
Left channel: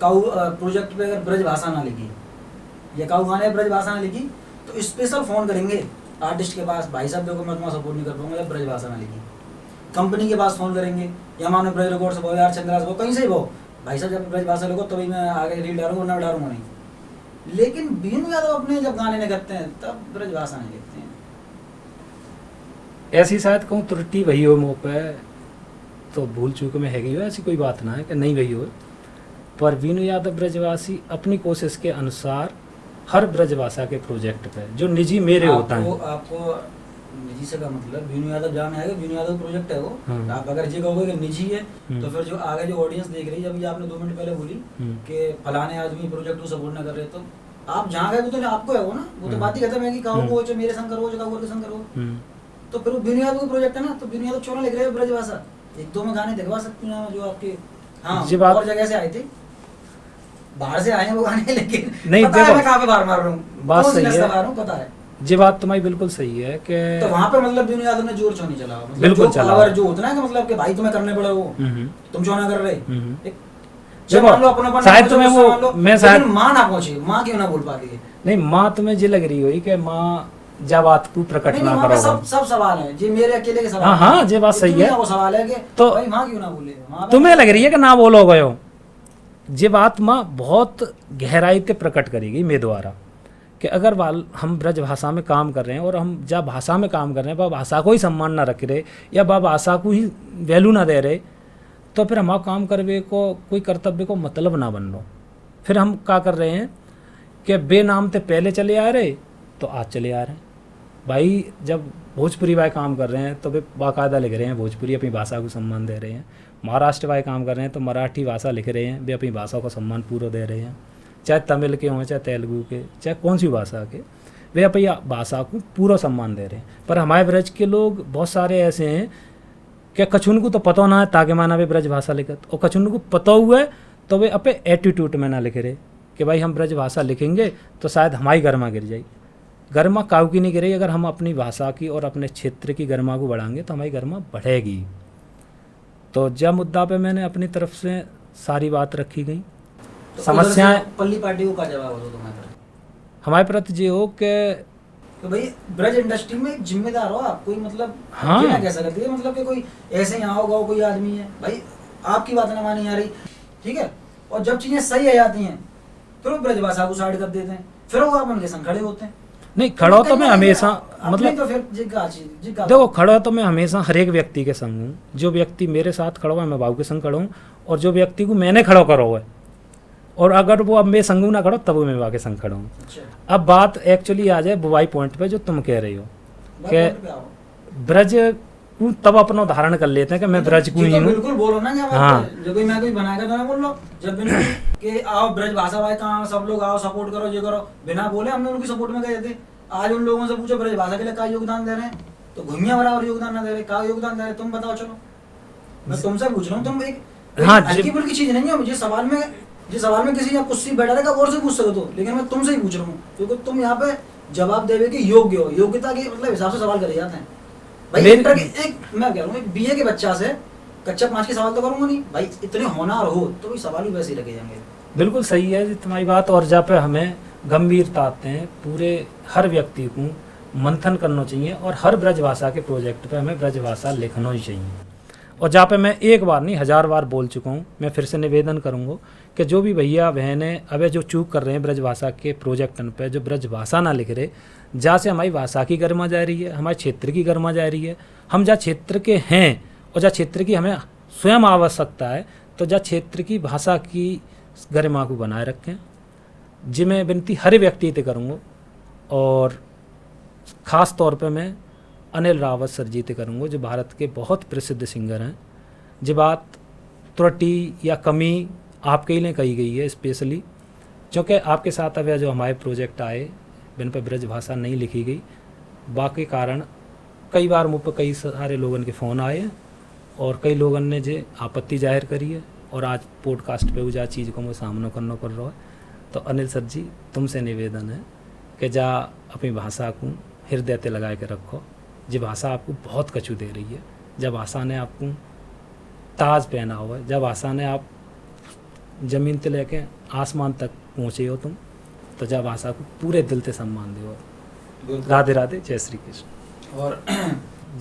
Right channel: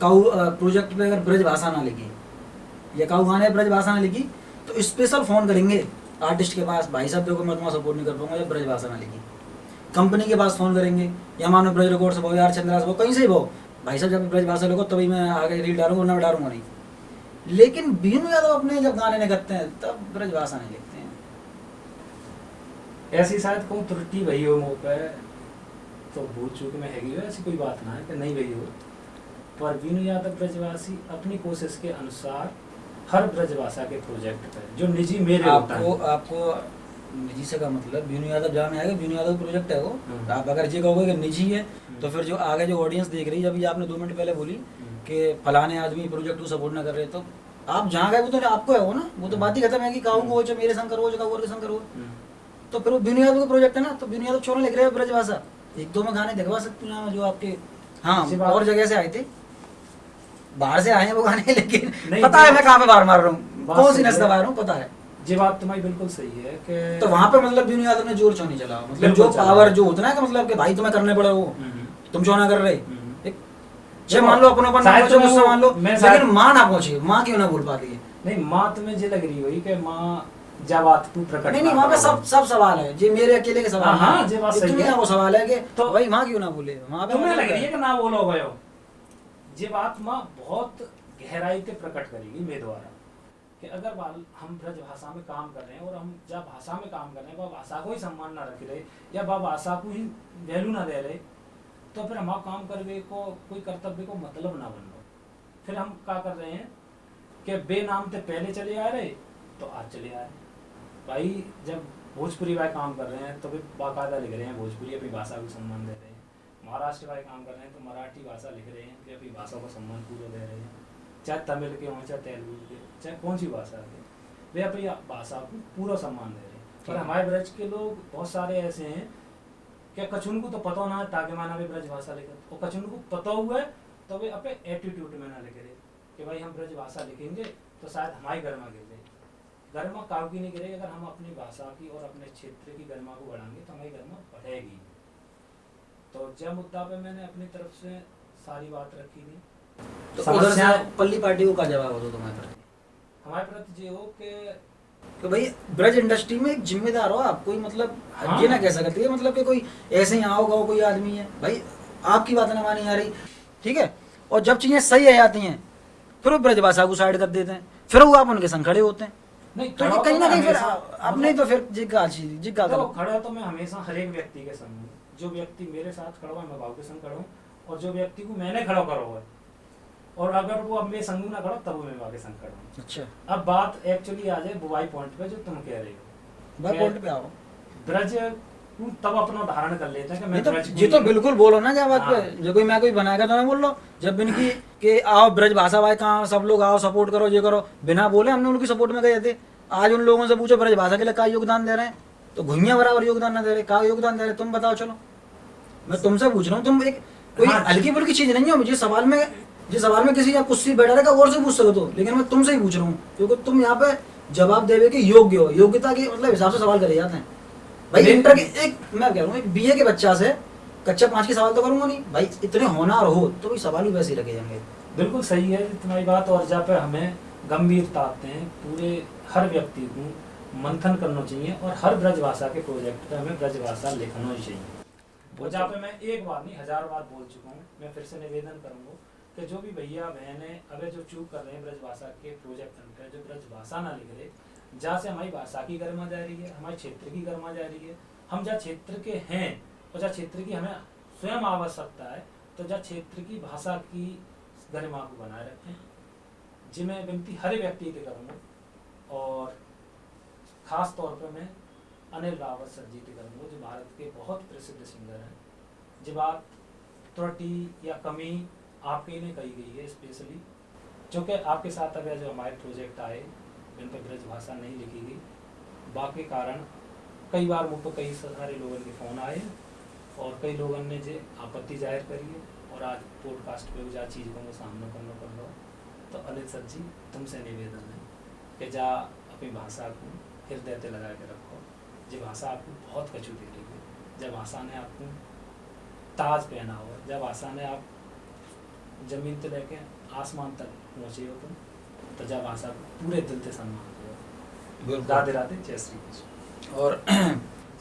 काऊ प्रोजेक्ट पे अगर ब्रज भाषा ना लिखी या काऊ गाने ब्रज भाषा ना लिखी तो स्पेशल फ़ोन करेंगे आर्टिस्ट के पास, भाई साहब देखो मैं तुम्हारा सपोर्ट नहीं कर पाऊंगा या ब्रज भाषा ना लिखी। कंपनी के पास फोन करेंगे, या मानो ब्रज रिकॉर्ड से भाव यार चंद्रा से भाव कहीं से ही भाव, भाई साहब जब ब्रज भाषा लोगों तभी मैं आगे रील डालूंगा, ना डालूंगा नहीं। लेकिन बीनू यादव अपने जब गाने निकलते हैं तब ब्रज भाषा नहीं लिखते हैं। ऐसी शायद कहूँ त्रुटि वही हो मुँह पे, तो भूल चूक में है गई हो, ऐसी कोई बात ना है कि नहीं गई हो। पर बीनू यादव ब्रजवासी अपनी कोशिश के अनुसार हर ब्रजभाषा के प्रोजेक्ट पे जो निजी मेरे होता है। आपको निजी से का मतलब बीनू यादव जहाँ में है, बीनू यादव प्रोजेक्ट है वो। हाँ। आप अगर ये कहोगे कि निजी है तो फिर जो आगे जो ऑडियंस देख रही है, अभी आपने 2 मिनट पहले बोली कि फलाने आदमी प्रोजेक्ट को सपोर्ट न कर रहे, तो आप जहाँ गए वो तो आपको है वो ना, वो तो बात ही खत्म है कि कहो वो जो मेरे संग करो, जो कहो के संग करो। तो फिर वो बीनू यादव का प्रोजेक्ट है ना, तो बीनू यादव क्यों लिख रहे हैं ब्रजभाषा? 1-2 में गाने दिखवा सकती हूँ मैं जो आपके, हाँ और जगह से आए थे, बाहर से आए हैं वो गाने, लेकिन नहीं पता है मैं कहाँ पे बाहर मार रहा हूँ, बात कौन सी सही नस्ल है। बाहर हूँ पता है। ये बात तुम्हारी बिल्कुल सही है कि तो वहाँ पे मतलब बीनू यादव ने जोर क्यों नहीं चला? मतलब बिल्कुल जो चला। पावर जो होता है ना कि मतलब कि भाई तुम्हें करने पड़ा वो, तुम क्यों ना कर रहे? एक जे मान लो अपना शायद तुम्हें वो- मान लो, मैं शायद- लेकिन माँ ना पहुंची, माँ क्यों ना बोल पाती है? नहीं, माँ तुम्हें ये लग रही हुई कि माँ जब बात तू प्रकट नहीं ना वहाँ पे करो। सब सवाल है, जे मेरे अकेले के सवाल हाँ, हैं। ये बात सही दुनिया है। को सवाल है कि तो भाई माँ क्यों ना बोले? वहाँ पे तुम्हें लग रही है कि ना बोलो गए हो, ये बात माँ बहुत गहराई से प्रकट करेगी मेरे द्वारा कि अगर हम ब्रज भाषा में काम कर रहे हैं और हम जब भाषा में काम कर रहे हैं वह भाषा को ही सम्मान ना रख रहे या वह भाषा को ही वैल्यू ना दे रहे, तो फिर हमारा काम करने को कोई कर्तव्य को मतलब ना बन लो। फिर हम क्या कर रहे हैं कि बेनाम से पहले चले आ रहे तो आज चले आ रहे हैं। भाई जब भोजपुरी भाई काम कर रहे हैं तो वे बाकायदा लिख रहे हैं भोजपुरी, अपनी भाषा को सम्मान दे रहे हैं। महाराष्ट्र भाई काम कर रहे हैं तो मराठी भाषा लिख रहे हैं, वे अपनी भाषा को सम्मान पूरा दे रहे हैं। चाहे तमिल के हों, चाहे तेलुगु के, चाहे कौन सी भाषा के, वे अपनी भाषा को पूरा सम्मान दे रहे हैं। पर हमारे ब्रज के लोग बहुत सारे ऐसे हैं कि कछुन को तो पता ना है ताकि माना वे ब्रज भाषा लिखत, और कछुन को पता हुआ है तो वे अपने एटीट्यूड में ना लिख रहे कि भाई हम ब्रज भाषा लिखेंगे तो शायद हमारी गरिमा गिर जाएगी। गरिमा काऊ की नहीं गिरेगी, अगर हम अपनी भाषा की और अपने क्षेत्र की गरिमा को बढ़ाएंगे तो हमारी गरिमा बढ़ेगी। तो जब मुद्दा पे मैंने अपनी तरफ से सारी बात रखी गई। तो समस्याएं पल्ली पार्टी को का जवाब हो तो तुम्हारे हमारे प्रति ये हो कि तो भाई ब्रज इंडस्ट्री में एक जिम्मेदार हो आप, कोई मतलब हाँ। ये ना कह सकते हैं मतलब कि कोई ऐसे ही आओ गाओ कोई आदमी है, भाई आपकी बात ना मानी आ रही, ठीक है, और जब चीजें सही आ जाती हैं फिर वो ब्रज भाषा को साइड कर देते हैं, फिर वो आप उनके संग खड़े होते हैं। नहीं, खड़ा तो मैं हमेशा मतलब तो फिर जिग्गा देखो, खड़ा तो मैं हमेशा हर एक व्यक्ति के संग हूँ। जो व्यक्ति मेरे साथ खड़ा हुआ है मैं भाव के संग खड़ा हूँ, और जो व्यक्ति को मैंने खड़ा करा हुआ है, और अगर वो अब मेरे संग ना खड़ा तब वो मैं भाव के संग खड़ा हूँ। अच्छा अब बात एक्चुअली आ जाए बुवाई पॉइंट पे जो तुम कह रही हो भाई कि पॉइंट पे आओ। ब्रज को तब अपना उदाहरण कर लेते हैं कि मैं ब्रज को ये ही तो हूँ। बिल्कुल बोलो ना, क्या बात हाँ। है, जो कोई मैं कोई बनाएगा तो मैं बोल लो जब बिना कि आओ ब्रज भाषा भाई कहाँ सब लोग आओ सपोर्ट करो ये करो, बिना बोले हमने उनकी सपोर्ट में गए थे। आज उन लोगों से पूछो ब्रज भाषा के लिए क्या योगदान दे रहे हैं, तो घुइयां बराबर योगदान ना दे रहे, क्या योगदान दे रहे तुम बताओ। चलो मैं तुमसे पूछ रहा हूँ, तुम एक हाँ, हल्की फुल्की चीज नहीं हो। मुझे सवाल में किसी का कुछ बैठा रहेगा और से पूछ सकते हो, लेकिन मैं तुमसे ही पूछ रहा हूँ क्योंकि तुम यहाँ पे जवाब देवे के योग्य हो, योग्यता के मतलब हिसाब से सवाल करे जाते हैं। भाई इंटर के एक मैं कह रहा हूँ बीए के बच्चा से कच्चा 5 के सवाल तो करूंगा नहीं भाई, इतने होनहार हो तो भाई सवाल भी वैसे ही रखे जाएंगे। बिल्कुल सही है तुम्हारी बात, और जहाँ पे हमें गंभीरता आते हैं पूरे हर व्यक्ति को मंथन करना चाहिए, और हर ब्रज भाषा के प्रोजेक्ट पे हमें ब्रज भाषा लिखना ही चाहिए। और जहाँ पे मैं एक बार नहीं 1000 बार बोल चुका हूँ, मैं फिर से निवेदन करूँगा कि जो भी भैया बहनें अब जो चूक कर रहे हैं ब्रज भाषा के प्रोजेक्टन पे, जो ब्रज भाषा ना लिख रहे, जहाँ से हमारी भाषा की गरिमा जा रही है, हमारे क्षेत्र की गरिमा जा रही है। हम जहाँ क्षेत्र के हैं और जहाँ क्षेत्र की हमें स्वयं आवश्यकता है, तो जहाँ क्षेत्र की भाषा की गरिमा को बनाए रखें। जी मैं विनती हर व्यक्ति से करूँगा, और ख़ास तौर पे मैं अनिल रावत सर जी से करूँगा जो भारत के बहुत प्रसिद्ध सिंगर हैं। जी बात त्रुटि या कमी आपके ही लिए कही गई है स्पेशली, क्योंकि आपके साथ अब जो हमारे प्रोजेक्ट आए जिन पर ब्रज भाषा नहीं लिखी गई, बाकी कारण कई बार मुझ पर कई सारे लोगों के फ़ोन आए और कई लोगों ने जो आपत्ति जाहिर करी है, और आज पॉडकास्ट पे वो जा चीज़ को मैं सामना करना कर रहा है। तो अनिल सर जी तुमसे निवेदन है कि जा अपनी भाषा को हृदय ते लगा के रखो। जी भाषा आपको बहुत कछु दे रही है, जब भाषा ने आपको ताज पहना हुआ है, जब भाषा ने आप ज़मीन से लेके आसमान तक पहुँचे हो तुम, तो जब भाषा को पूरे दिल से सम्मान दो। राधे राधे, जय श्री कृष्ण। और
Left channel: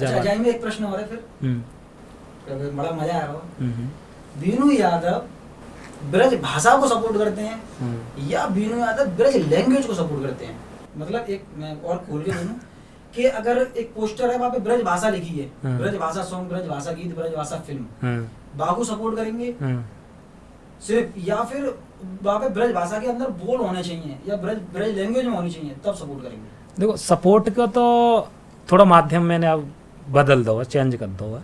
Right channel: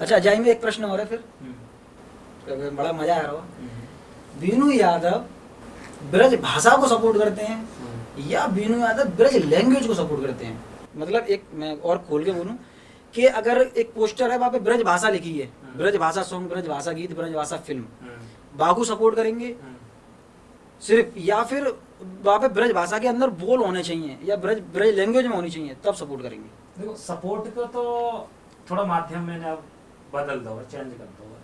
अच्छा जाएंगे एक प्रश्न और है फिर बड़ा मजा आ रहा हो। बीनू यादव ब्रज भाषा को सपोर्ट करते हैं या बीनू यादव ब्रज लैंग्वेज को सपोर्ट करते हैं? मतलब एक मैं और खोल के बोलूं कि अगर एक पोस्टर है वहाँ पे ब्रज भाषा लिखी है, ब्रज भाषा सॉन्ग, ब्रज भाषा गीत, ब्रज भाषा फिल्म, बागू सपोर्ट करेंगे सिर्फ, या फिर वहाँ पे ब्रज भाषा के अंदर बोल होने चाहिए या ब्रज लैंग्वेज में होनी चाहिए तब सपोर्ट करेंगे? देखो सपोर्ट का तो थोड़ा माध्यम मैंने अब बदल दो, चेंज कर दो।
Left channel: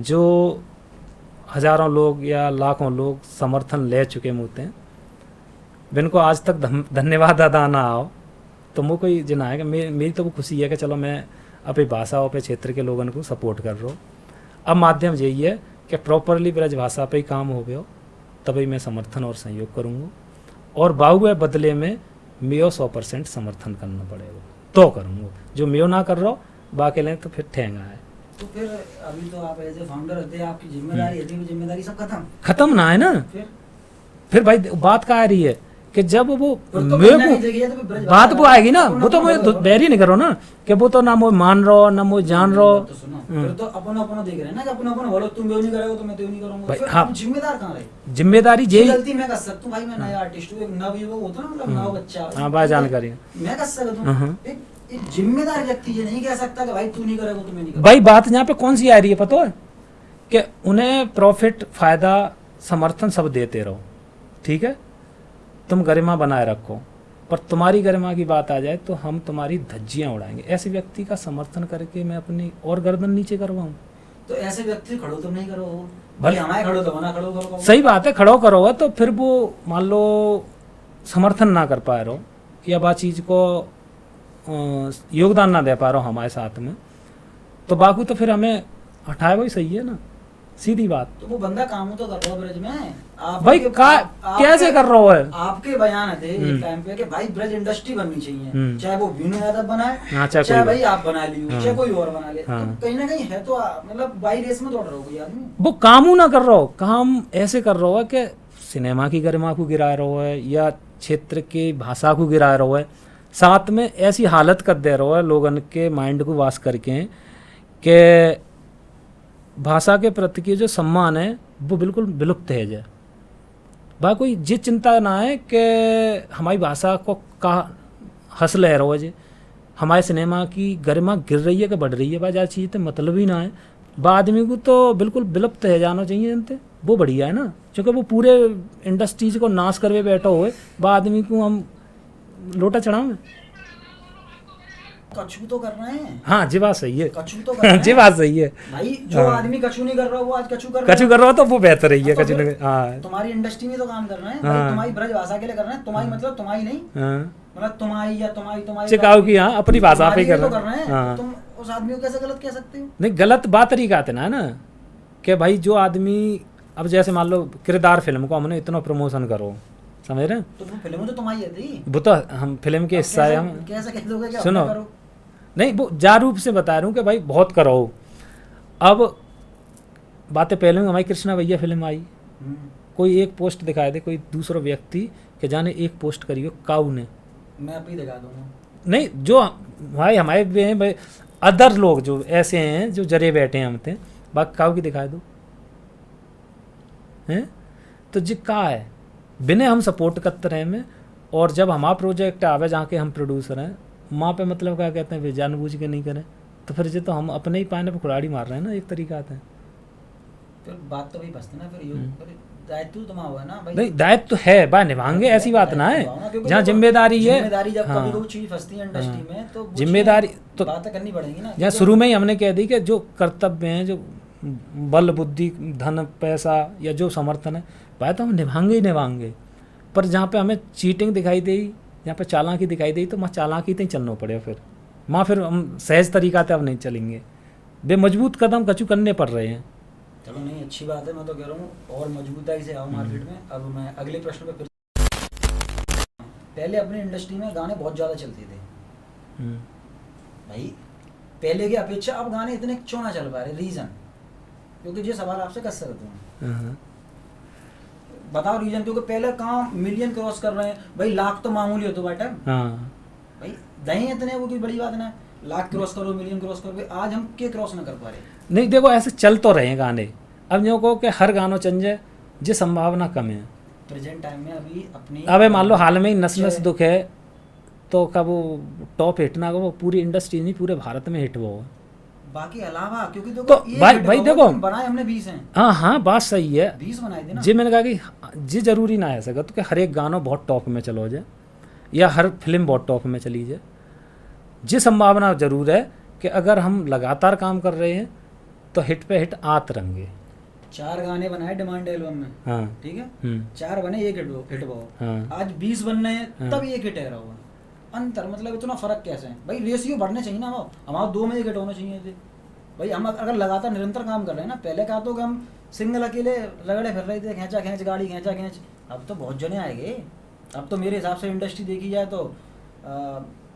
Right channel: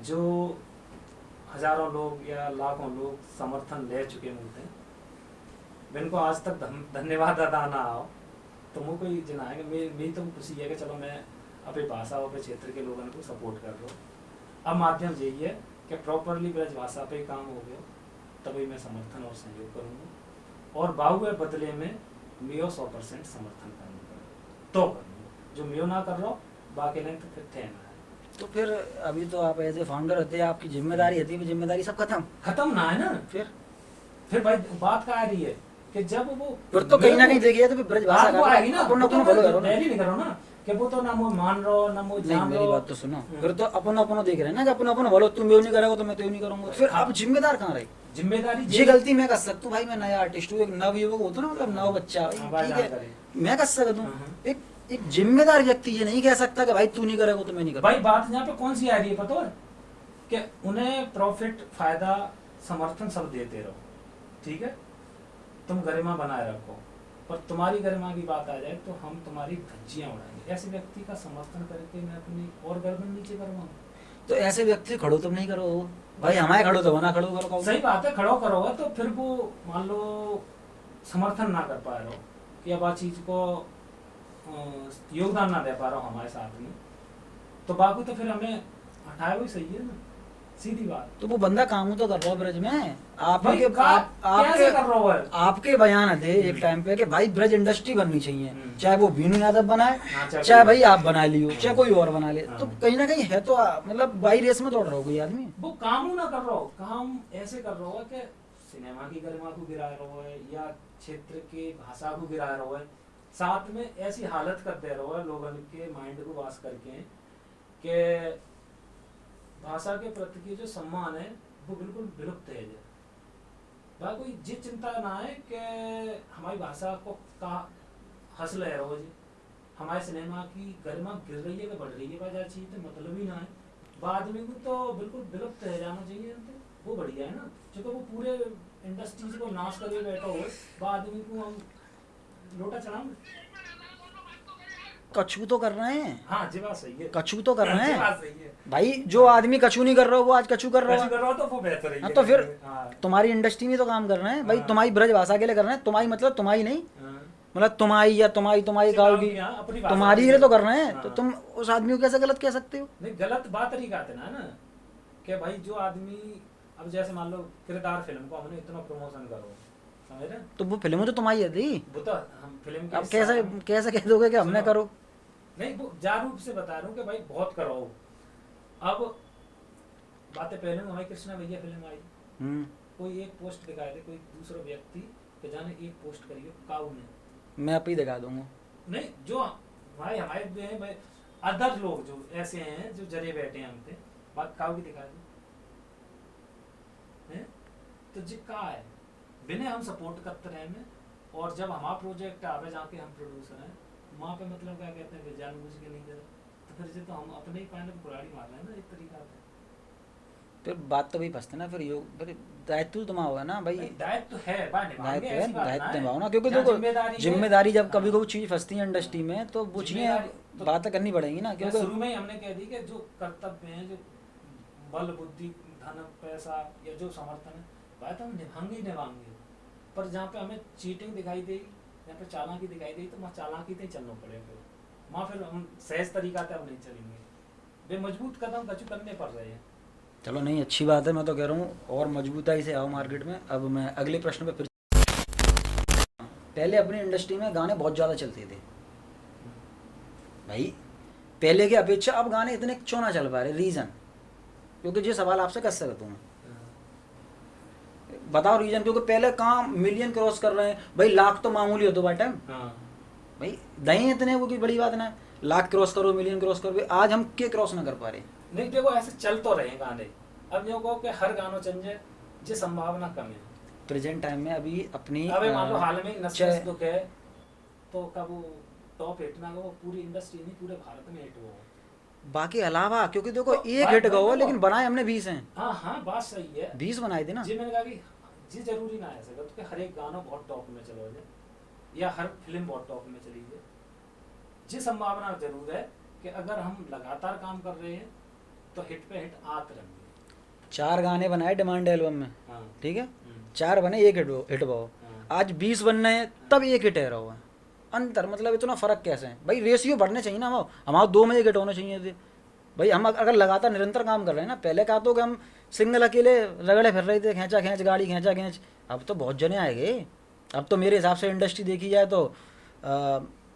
जो हजारों लोग या लाखों लोग समर्थन ले चुके होते हैं, जिनको आज तक धन्यवाद अदा ना आओ, तो मुझे कोई जना है कि मेरी तो वो खुशी है कि चलो मैं अपनी भाषा और अपने क्षेत्र के लोगों को सपोर्ट कर रहा हूँ। अब माध्यम यही है कि प्रॉपरली ब्रज भाषा पे ही काम हो गया, तभी मैं समर्थन और सहयोग करूँगा, और बाहुए बदले में मेरा 100% समर्थन करना पड़ेगा तो करूँगा। जो मैं ना कर रहा हूँ बाकी लें तो फिर ठेंगा है। तो फिर अभी तो आप एज ए फाउंडर होते हैं, आपकी जिम्मेदारी होती है, जिम्मेदारी सब खत्म ना है ना। फिर भाई बात कहाँ आ रही है कि जब वो तो बात वो आएगी ना, वो तो मैं देरी नहीं करो ना कि वो तो ना मुझे मान रहा ना मुझे जान रहा। तो सुनो, फिर तो अपन देख रहे हैं ना कि अपन बोलो तुम ये नहीं करोगे तो मैं तो नहीं करूंगा, फिर आप जिम्मेदार कहाँ रहे? जिम्मेदारी ये गलती मैं कर सकता हूँ भाई, मैं नया आर्टिस्ट हूँ, एक नवयुवक होता ना, मतलब नव बच्चा, हां बात जानकारी मैं कर सकता हूँ। एक जिम्मेदार व्यक्ति ये नहीं कह सकता कि भाई तू नहीं करेगा तो मैं नहीं करूंगा। भाई बात यहाँ पे कौन सी आ रही है पता है कि उन्हें प्रॉफिट, फायदा, समर्थन सब देते रहो, ठीक है, तुम गरिमा बनाए रखो, पर तुम्हारी गरिमा की बात आ जाए तो हम तुम्हारी धज्जियां उड़ाएंगे। ऐसे व्यक्ति का समर्थन करके मैं अपनी और गर्दन नीचे करवाऊं? तो ऐसे व्यक्ति खड़ो तुम नहीं करो भाई, हमारे खड़ो तो ना खड़ो करो। सही बात है, खड़ो करोगे तो फिर वो मान लो समर्थन ना कर पा रहे हो या बात चीज को योगदान ना दे पा रहे हो हमारे साथ में, तो बाकी तो फिर हमें हटाए वही सही है ना, सीधी बात। तो वो बंदा काम तो कर रहा है ब्रज में, आप भाई कैसे कर रहा है? आपके बयान थे एक टाइम पे कि भाई ब्रज इंडस्ट्री बननी चाहिए, चाहे वो बीनू यादव बनाए, चाहे भाई आप बना लियो, चाहे कोई और बना ले, तो कहीं ना कहीं है तो मतलब बाई रेस में दौड़ रहा हो कोई आदमी। वो काम ना कर रहा हो, काम ऐसे कर रहा हो कि सिनेमा की गरिमा को गिरा रहा है या क्षेत्र की भाषा को गिरा रहा है, साथ में ऐसी हालत कर दे रहा है लोगन के माइंड को वास करके कि भाषा के प्रति की जो सम्मान है वो बिल्कुल विलुप्त है जाए। भाई कोई ये चिंता ना है कि हमारी भाषा को का हंसल है रोज, हमारे सिनेमा की गरिमा गिर रही है कि बढ़ रही है, भाई ज्यादा चीज़ तो मतलब ही ना है। बा आदमी को तो बिल्कुल विलुप्त है जाना चाहिए जनते, वो बढ़िया है ना, क्योंकि वो पूरे इंडस्ट्रीज को नाश करके बैठा हुए, बा आदमी को हम लोटा चढ़ाओ। कछू तो कर रहे हैं। हाँ जी बात सही है, कछू तो कर रहे हैं। जी बात सही है भाई, जो आदमी कछू नहीं कर रहा वो आज कछू कर रहा हो तो वो बेहतर ही है। तो तुम्हारी इंडस्ट्री में तो काम कर रहे हैं भाई, तुम्हारी ब्रज भाषा के लिए कर रहे हैं, तुम्हारी मतलब तुम्हारी नहीं, मतलब तुम्हारी या तुम्हारी चिकाऊ की, हाँ अपनी भाषा पे तो कर रहे हैं, तो तुम उस आदमी को कैसे गलत कह सकते हो? नहीं गलत बात तरीका आते ना कि भाई जो आदमी, अब जैसे मान लो किरदार फिल्म को हमने इतना प्रमोशन करो, समझ रहे हैं, तो वो फिल्म तो तुम्हारी थी, वो तो हम फिल्म के हिस्सा है, हम कैसे कह दोगे कि सुनो करो? नहीं वो जा रूप से बता रहा हूँ कि भाई बहुत करो। अब बातें पहले हमारी कृष्णा भैया फिल्म आई, कोई एक पोस्ट दिखाए दे कोई दूसरा व्यक्ति कि जाने एक पोस्ट करियो काऊ ने, मैं आप ही दिखा दूंगा। नहीं जो भाई हमारे भाई अदर लोग जो ऐसे हैं जो जरे बैठे हैं हमते, बाकी काऊ की दिखाए दो हैं, तो जी का है बिना हम सपोर्ट करते रहे में, और जब हमारा प्रोजेक्ट आवे जहाँ के हम प्रोड्यूसर हैं वहाँ पे मतलब क्या कहते हैं वे जानबूझ के नहीं करें, तो फिर जो तो हम अपने ही पाने पे कुड़ाड़ी मार रहे हैं ना, एक तरीका आता है। फिर बात तो वही फंसते ना, फिर दायित्व तो तुम्हारा है ना भाई। नहीं दायित्व तो है भाई, निभाएंगे, ऐसी बात ना है, जहाँ जिम्मेदारी है, जिम्मेदारी जब कभी कोई चीज फंसती है इंडस्ट्री में तो जिम्मेदारी तो बातें करनी पड़ेगी ना। यहाँ शुरू में ही हमने कह दी कि जो कर्तव्य हैं, जो बल बुद्धि धन पैसा या जो समर्थन है भाई तो हम निभाएंगे, पर जहाँ पे हमें चीटिंग दिखाई दी, यहाँ पे चालाकी दिखाई दी, तो वहाँ चालाकी ही चलना पड़ेगा, फिर वहाँ फिर हम सहज तरीका से अब नहीं चलेंगे, बे मजबूत कदम कचू करने पड़ रहे हैं। चलो नहीं अच्छी बात है, मैं तो कह रहा हूँ और मजबूताई से आओ मार्केट में। अब मैं अगले प्रश्न पे फिर, पहले अपनी इंडस्ट्री में गाने बहुत ज़्यादा चलते थे भाई, पहले की अपेक्षा अब गाने इतने क्यों ना चल पा रहे? रीज़न, क्योंकि ये सवाल आपसे कर सकता हूँ, बताओ रीजन। क्योंकि पहले कहाँ मिलियन क्रॉस कर रहे हैं भाई, लाख तो मामूली हो तो बाटा भाई, दही इतने वो की बड़ी बात ना, लाख क्रॉस करो मिलियन क्रॉस करो, आज हम के क्रॉस ना कर पा रहे। नहीं देखो ऐसे चल तो रहे हैं गाने, अब जो कहो कि हर गानों चल जाए ये संभावना कम है। प्रेजेंट टाइम में अभी अपनी अबे मान लो हाल में ही नस नस चाहे- दुख है तो का वो टॉप हिट ना, वो पूरी इंडस्ट्री नहीं पूरे भारत में हिट वो। बाकी अलावा क्योंकि देखो तो एक भाई hit भाई हुआ, देखो, लेकिन बनाए हमने 20 हैं, हाँ हाँ बात सही है। 20 बनाए थे ना। जी मैंने कहा कि जी जरूरी ना है सका तो कि हर एक गाना बहुत टॉप में चलो जाए या हर फिल्म बहुत टॉप में चली जाए। जी संभावना जरूर है कि अगर हम लगातार काम कर रहे हैं तो हिट पे हिट आत रहेंगे। 4 गाने बनाए डिमांड एल्बम में, हाँ ठीक है, हम्म 4 बने एक हिट हुआ। हाँ आज 20 बनने हैं हाँ। तब एक हिट है रहा हुआ। अंतर मतलब इतना फर्क कैसे है भाई? रेशियो बढ़ने चाहिए ना, वो हमारा 2 में एक हिट होने चाहिए थे भाई। हम अगर लगातार निरंतर काम कर रहे हैं ना, पहले कहा तो कि हम सिंगल अकेले रगड़े फिर रहे थे, खींचा खींच गाड़ी खींचा खींच, अब तो बहुत जने आएंगे। अब तो मेरे हिसाब से इंडस्ट्री देखी जाए तो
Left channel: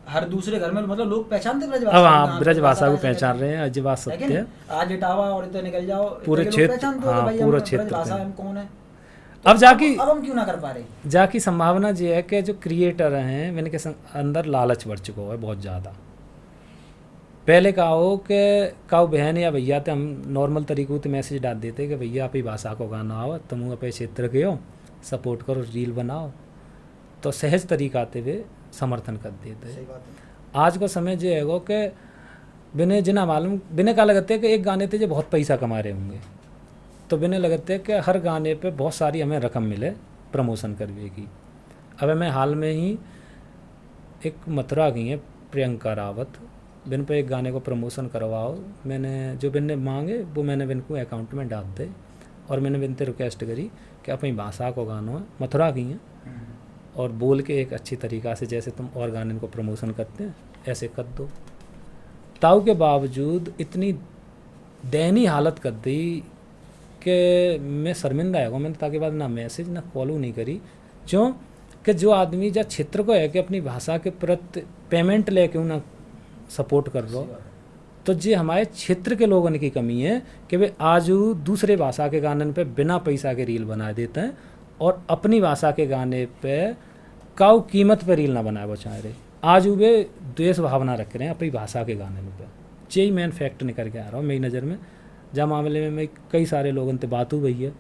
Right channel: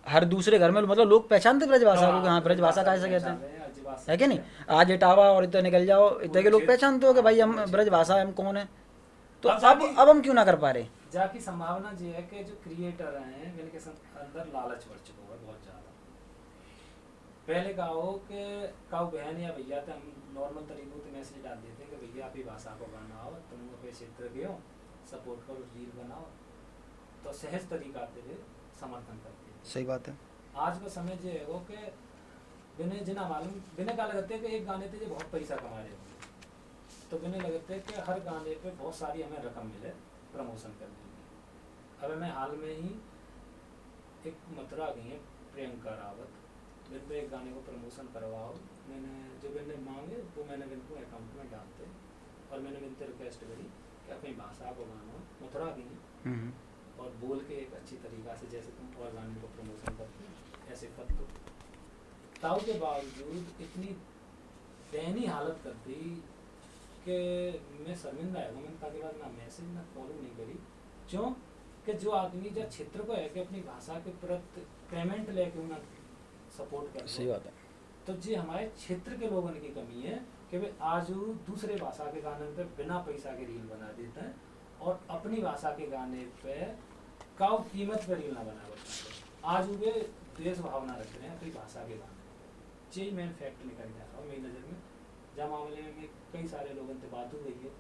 हर दूसरे घर में मतलब लोग पहचानते अब ब्रजभाषा हाँ ब्रजभाषा को ऐसे कहते पहचान हैं। रहे हैं, आज बात है कि सत्य नहीं? है। आज इटावा और इतना निकल जाओ, पूरे इतने के लोग क्षेत्र- पहचानते हो कि हाँ, भाई हम पूरा क्षेत्र ब्रजभाषा पे। हम कौन है। तो अब जाके अब हम क्यों ना कर पा रहे? जाकी संभावना ये है कि जो क्रिएटर हैं मैंने के अंदर लालच बढ़ चुका है बहुत ज़्यादा। पहले कहा हो कि काऊ बहन या भैया तो हम नॉर्मल तरीकों से मैसेज डाल देते कि भैया आप ही भाषा को गाना आओ, तुम अपने क्षेत्र के हो, सपोर्ट करो, रील बनाओ, तो सहज तरीका आते हुए समर्थन कर देते। सही बात है। आज का समय जो है वो कि बिना जिना मालूम बिना का लगते है कि एक गाने थे जो बहुत पैसा कमा रहे होंगे, तो बिना लगते है कि हर गाने पे बहुत सारी हमें रकम मिले प्रमोशन करने की। अब मैं हाल में ही एक मथुरा गई है प्रियंका रावत, बिन पे एक गाने को प्रमोशन करवाओ, मैंने जो बिन ने मांगे वो मैंने बिन को अकाउंट में डाल दे, और मैंने बिन से रिक्वेस्ट करी कि अपनी भाषा को गाना है, मथुरा गई हैं और बोल के एक अच्छी तरीक़ा से जैसे तुम और गाने को प्रमोशन करते हैं ऐसे कर दो। ताऊ के बावजूद इतनी दयनीय हालत कर दी कि मैं शर्मिंदा है, मैंने ताकि बाद ना मैसेज ना फॉलो नहीं करी। क्यों कि जो आदमी जब क्षेत्र को है कि अपनी भाषा के प्रति पेमेंट ले क्यों ना सपोर्ट कर लो, सही बात है। तो ये हमारे क्षेत्र के लोगों की कमी है कि वे आज दूसरे भाषा के गाने पे बिना पैसा के रील बना देते हैं और अपनी भाषा के गाने पे काऊ कीमत पे रील ना बनाए वो चाह रहे। आज वे द्वेष भावना रख रहे हैं अपनी भाषा के गाने पे। यही मैं फैक्ट निकल के आ रहा हूँ मेरी नज़र में, जहाँ मामले में मैं कई सारे लोगों से बात हुई है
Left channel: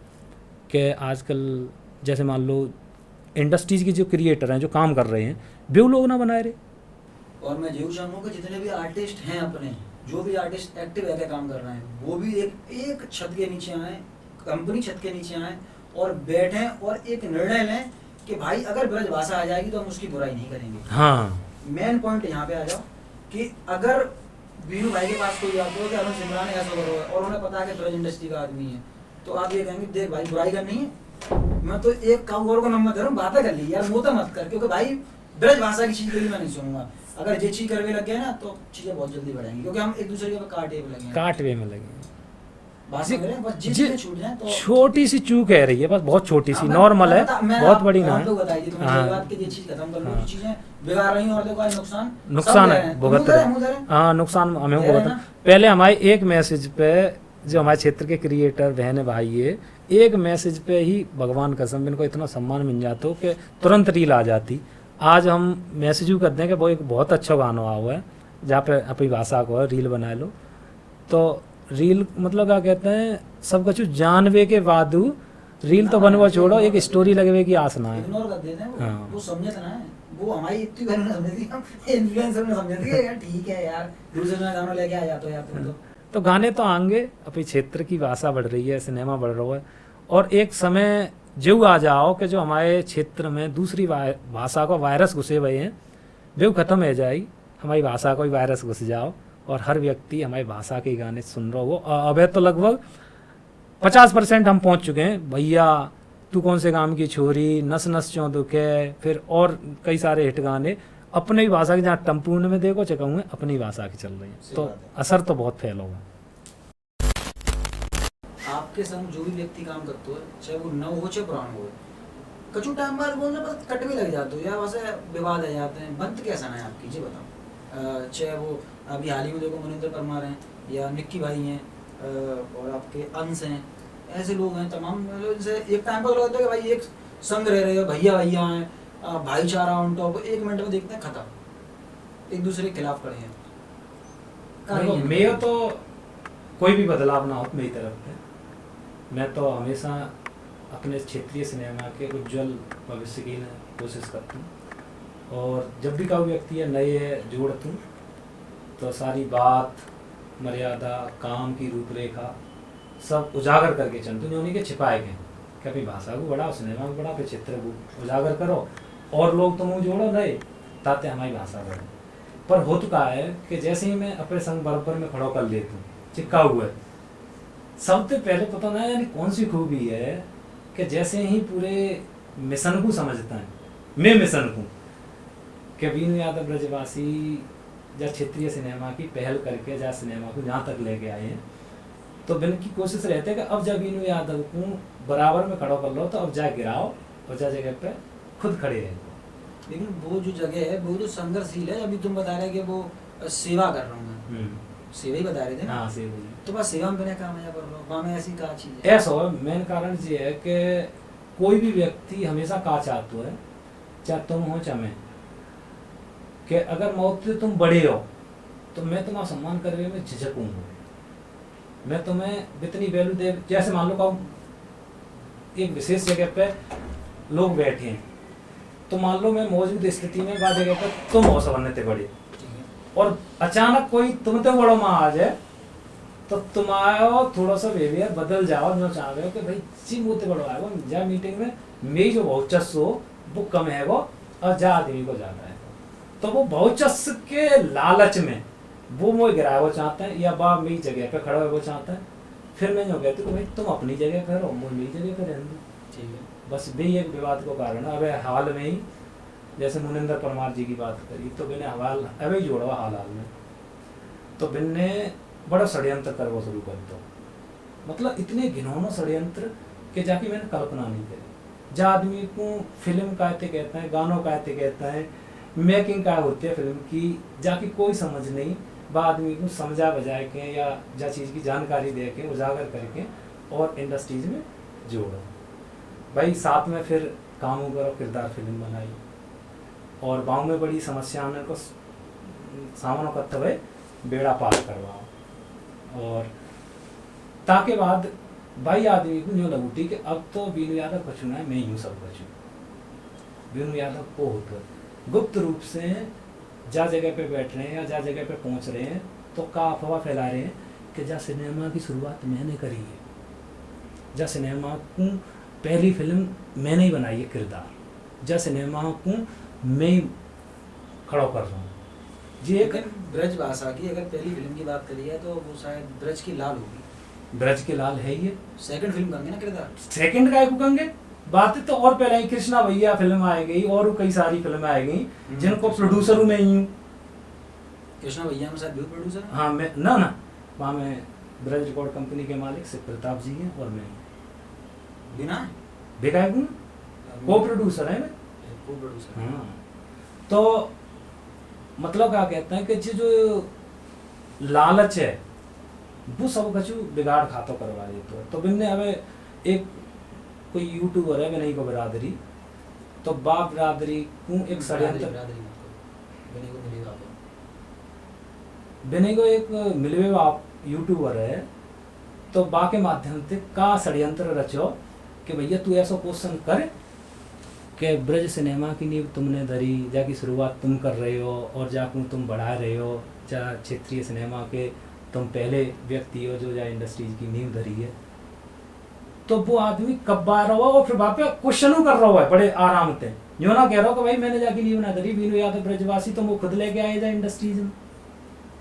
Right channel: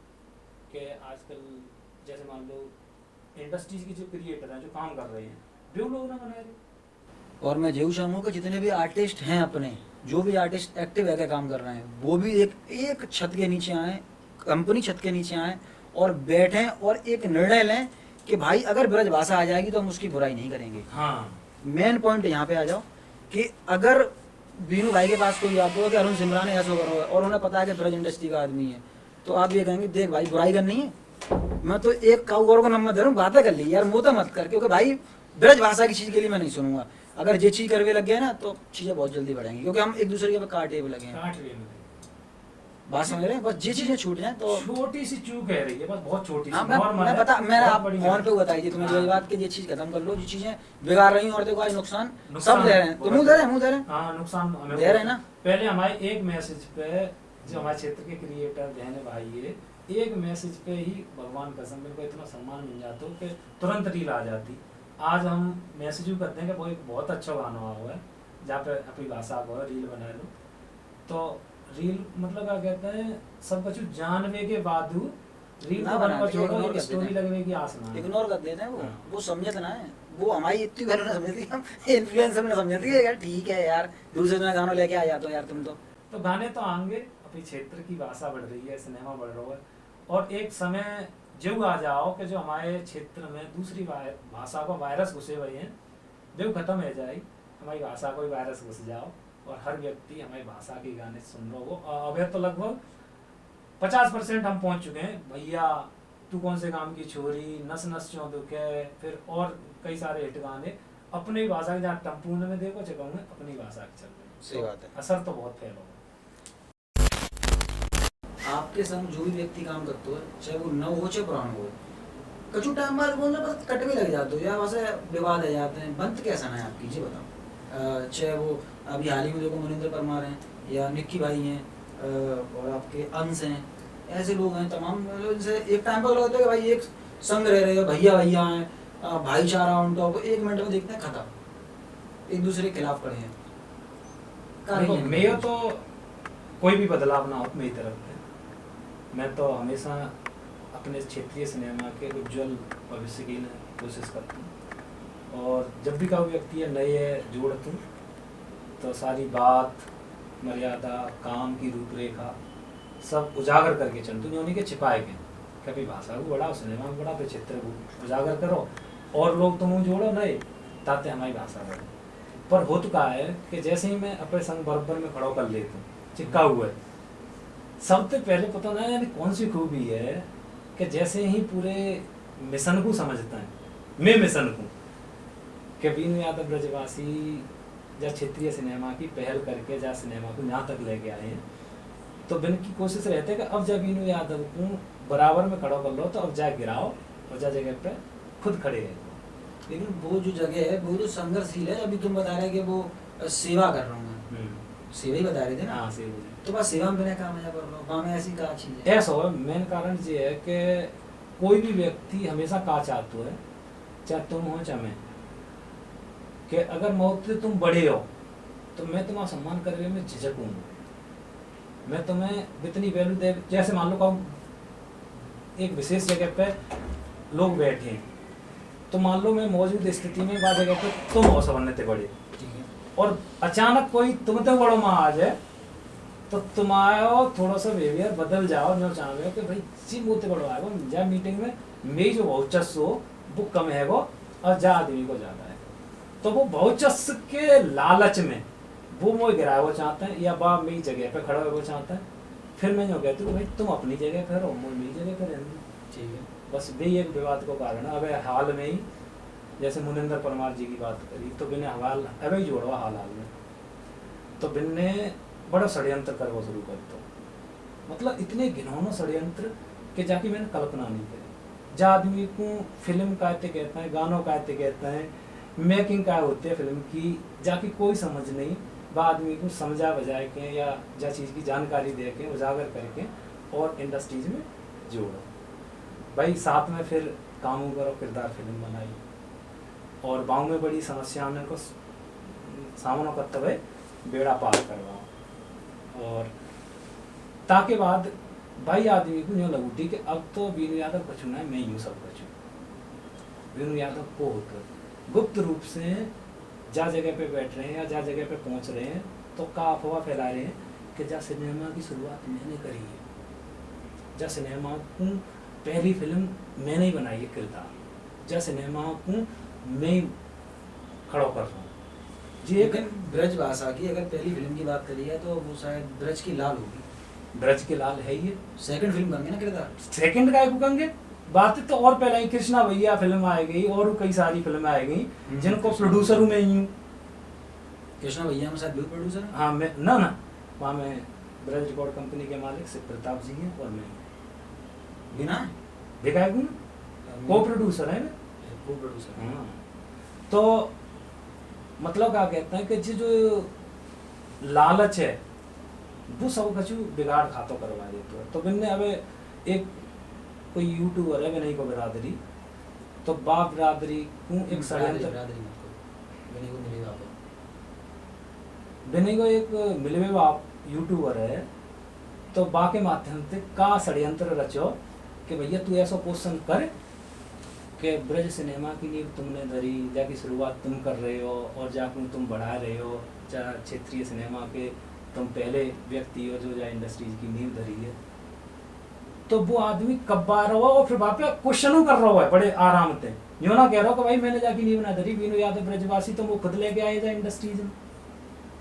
कि आजकल जैसे मान लो इंडस्ट्रीज के जो क्रिएटर हैं जो काम कर रहे हैं वे लोग ना बनाए रहे। और मैं जरूर चाहूँगा कि जितने भी आर्टिस्ट हैं अपने, जो भी आर्टिस्ट एक्टिव है काम कर रहे हैं, वो भी एक छत के नीचे आए, कंपनी छत के नीचे आए और बैठें और एक निर्णय लें कि भाई अगर ब्रजभाषा आ जाएगी तो हम उसकी बुराई नहीं करेंगे। हाँ मेन पॉइंट यहाँ पे आ जाओ कि अगर बीनू भाई के पास कोई आता हो कि अरुण सिमरान ऐसा कर रहा है और उन्हें पता है कि ब्रज इंडस्ट्री का आदमी है, तो आप ये कहेंगे देख भाई बुराई करनी है, मैं तो एक काऊ को नंबर दे रहा हूँ, बातें कर ली यार, मुँह मत कर, क्योंकि भाई ब्रज भाषा की चीज़ के लिए मैं नहीं सुनूंगा। अगर ये चीज़ करने लग गए ना तो चीज़ें बहुत जल्दी बढ़ेंगी, क्योंकि हम एक दूसरे के काटे पे लगे हैं, काटवे में लगे। भाषा में लगे, बस ये चीज़ें छूट जाए तो छोटी सी चूक है रही है बस, बहुत छोटी सी, हाँ, नॉर्मल है, मैं बहुत बड़ी आप नहीं लोग है। बताइए तुम्हें हाँ। ये बात कि ये चीज़ खत्म कर लो, जो चीज़ें बिगाड़ रही हैं और देखो आज नुकसान नुकसान सब ले रहे हैं, तो मुँह दे रहे हैं, मुँह दे रहे हैं। हाँ नुकसान हमें दे रहे हैं बहुत ना। है। पहले हमारे एक मैसेज पे जो हमारे क्षेत्र के क्रिएटर बहन भाई है, एक मैसेज पे ही भगवान कसम इनको इतना सम्मान मिल जाता हो कि तुरंत रील आ जाती। आज हम मैसेज भी करते हैं कि वो एक बहुत अच्छा गाना हुआ है जहाँ पे अपनी भाषा को रील बना लो, तो रील मतलब क्या कहते हैं सब कुछ जानवे के बाद रील तो बनवा छोड़ो, एक स्टोरी लगने की आस ना है। इग्नोर कर देते हैं वो, हाँ। वो समझते ना है, वो हमारी इतनी बहनों ने समझ दी, हम इन्फ्लुएंसर ने समझ दी यार ठीक है यार दूसरे में गाना लेके आ जाते हो यार तुम तो गाने तो आएंगे, अपनी क्षेत्र की भाषा बढ़ रही है, सिनेमा बढ़ रहा है, और एक समय जो आ जाओ कि जो हमारे क्षेत्र में दूसरी भाषा का वायरस घुसे हुए हैं जो खत्म हो जाए, हमारी भाषा का भी वायरस घुस जाओ और हर व्यक्ति हमारी भाषा के गाने सुन रहा हो। अब तो लगभग 50% हम पहुंच चुके हैं। भैया तू कौन से काम की छोरी, नस नस चौं दुखे, फिर और कई सारे हिट गाने अपनी भाषा की, जहाँ टम्पूर्ण में देखो चकाऊंगे अपनी भाषा की चल रही है, तो असर तो बहुत फैला हुआ। आपके संग जो भी व्यक्ति काम करते हो, चाहे वो नव हो चाहे पुराना हो, कछु टाइम बाद बोलना बस कट भी लग जाते हो या वैसे विवाद आ जाते हैं, बनत कैसा है आपकी जी बताओ। चाहे वो अभी हाल ही में देखो मनिंदर परमार हैं या निक्की भाई हैं और आपके अंश हैं, ऐसे लोग हैं तमाम, इनसे एक टाइम पर लगता है कि भाई एक संग रह रहे हो, भैया भैया हैं, भाईचारा ऑन टॉप, 1 मिनट में देखते हैं खत्म, एक दूसरे के खिलाफ खड़े हैं। मेरा तो कोई भी बदलाव ना हो मेरी तरफ से। मैं तो हमेशा अपने क्षेत्रीय सिनेमा के उज्जवल भविष्य की कोशिश करता हूँ, और जब भी कोई व्यक्ति है नए जोड़ता हूँ तो सारी बात, मर्यादा, काम की रूपरेखा सब उजागर करके चलते हैं, उन्हीं के छिपाए गए। कभी भाषा को बढ़ाओ, सिनेमा को बढ़ाओ, चित्र को उजागर करो, और लोग तुम जोड़ो नए ताते हमारी भाषा बढ़े। पर हो चुका है कि जैसे ही मैं अपने संग बराबर में खड़ा कर लेता हूँ, चिपका हुआ है, सबसे पहले पता ना यानी कौन सी खूबी है कि जैसे ही पूरे मिशन को समझता है, मैं मिशन को कि बीनू यादव ब्रजवासी या क्षेत्रीय सिनेमा की पहल करके जा सिनेमा को यहाँ तक लेके आए हैं, तो बिन की कोशिश रहती है कि अब जब बीनू यादव को बराबर में खड़ा कर लो तो अब जा गिराओ और जा जगह पे खुद खड़े रहे। लेकिन वो जो जगह है वो जो संघर्षशील है, अभी तुम बता रहे कि वो सेवा कर रहा हूँ मैं, सेवा ही बता रहे थे ना। हाँ सेवा। तो बस सेवा में बिना काम कर रहा हूँ, वहाँ में ऐसी क्या चीज़ है? ऐसा हो, मेन कारण ये है कि कोई भी व्यक्ति हमेशा का चाहता है, चाहे तुम हो चाहे मैं, कि अगर मौत से तुम बड़े हो तो मैं तुम्हारा सम्मान करने में झिझकूंगा, मैं तुम्हें इतनी वैल्यू दे। जैसे मान लो कहूँ एक विशेष जगह पे लोग बैठे हैं, तो मान लो मैं मौजूद स्थिति में वह जगह पे तुम हो समझते बड़े, और अचानक कोई तुमसे बड़ो में आ जाए तो तुम्हारा थोड़ा सा बिहेवियर बदल जाओ, मैं चाह रहे हो कि भाई सी मुँह बड़ो आएगा जा मीटिंग में मेरी जो बहुचस्स हो वो कम है वो, और जा आदमी को ज्यादा है, तो वो बहुचस्स के लालच में वो मुझे गिराया वो चाहते हैं, या बा मेरी जगह पे खड़ा हो वो चाहता है। फिर मैं जो कहती हूँ भाई तुम अपनी जगह पे रहो, मुझे मेरी जगह पे रहने। ठीक है, बस भी एक विवाद को कारण है। अब हाल में ही जैसे मुनिंदर परमार जी की बात करी, तो बिने हवाल अभी जोड़वा हाल में, तो बिन्ने बड़ा षड्यंत्र करवा शुरू कर दो, मतलब इतने घिनौना षड्यंत्र कि जाके मैंने कल्पना नहीं करी। जा आदमी को फिल्म कहते कहते हैं, गानों कहते कहते हैं, मेकिंग का होती है फिल्म की, जाके कोई समझ नहीं, वह आदमी को समझा बजाए के या जा चीज़ की जानकारी दे के उजागर करके और इंडस्ट्रीज में जोड़ो। भाई साथ में फिर काम करो, किरदार फिल्म बनाई, और गाँव में बड़ी समस्या हमने को सामना करते हुए बेड़ा पार करवाओ, और ताके बाद भाई आदमी को न्यू लगती कि अब तो बीनू यादव बचना है, मैं यूँ सब बचूँ। बीनू यादव को होकर गुप्त रूप से जा जगह पे बैठ रहे हैं या जा जगह पे पहुंच रहे हैं, तो का अफवाह फैला रहे हैं कि जा सिनेमा की शुरुआत मैंने करी है, जा सिनेमा को पहली फिल्म मैंने ही बनाई है किरदार, जा सिनेमा को मैं खड़ा कर रहा हूँ जी। एक ब्रज भाषा की अगर पहली फिल्म की बात करी है तो वो शायद ब्रज की लाल होगी। ब्रज के लाल है ये सेकंड फिल्म कहेंगे ना किरदार, सेकंड का कहेंगे बात तो, और पहले ही कृष्णा भैया फिल्म आ गई और कई सारी फिल्में आ गई जिनको प्रोड्यूसर में ही हूँ। कृष्णा भैया में शायद भी प्रोड्यूसर है। हाँ मैं ना वहाँ में ब्रज रिकॉर्ड कंपनी के मालिक शिव प्रताप जी हैं और मैं बिना विकायक हूँ, को प्रोड्यूसर है, को प्रोड्यूसर। हाँ तो मतलब क्या कहते हैं कि जो लालच है वो सब कछु बिगाड़ खातो करवा देते, तो बिन्ने अब एक कोई यूट्यूबर है विनय को बिरादरी, तो बाप बिरादरी को एक षड्यंत्र, विनय को एक मिलवे बाप यूट्यूबर है, तो बा के माध्यम से का षड्यंत्र रचो कि भैया तू ऐसा क्वेश्चन कर कि ब्रज सिनेमा की नींव तुमने धरी, जाकी शुरुआत तुम कर रहे हो और जाकर तुम बढ़ा रहे हो, जा क्षेत्रीय सिनेमा के तुम पहले व्यक्ति हो जो जा इंडस्ट्रीज की नींव धरी है, तो वो आदमी कब बार हुआ और फिर वापस क्वेश्चन कर रहा है बड़े आराम से, जो ना कह रहा हो कि भाई मैंने जाके नींव ना धरी, बीनू यादव ब्रजवासी तुम वो खुद लेके आए जा इंडस्ट्रीज में,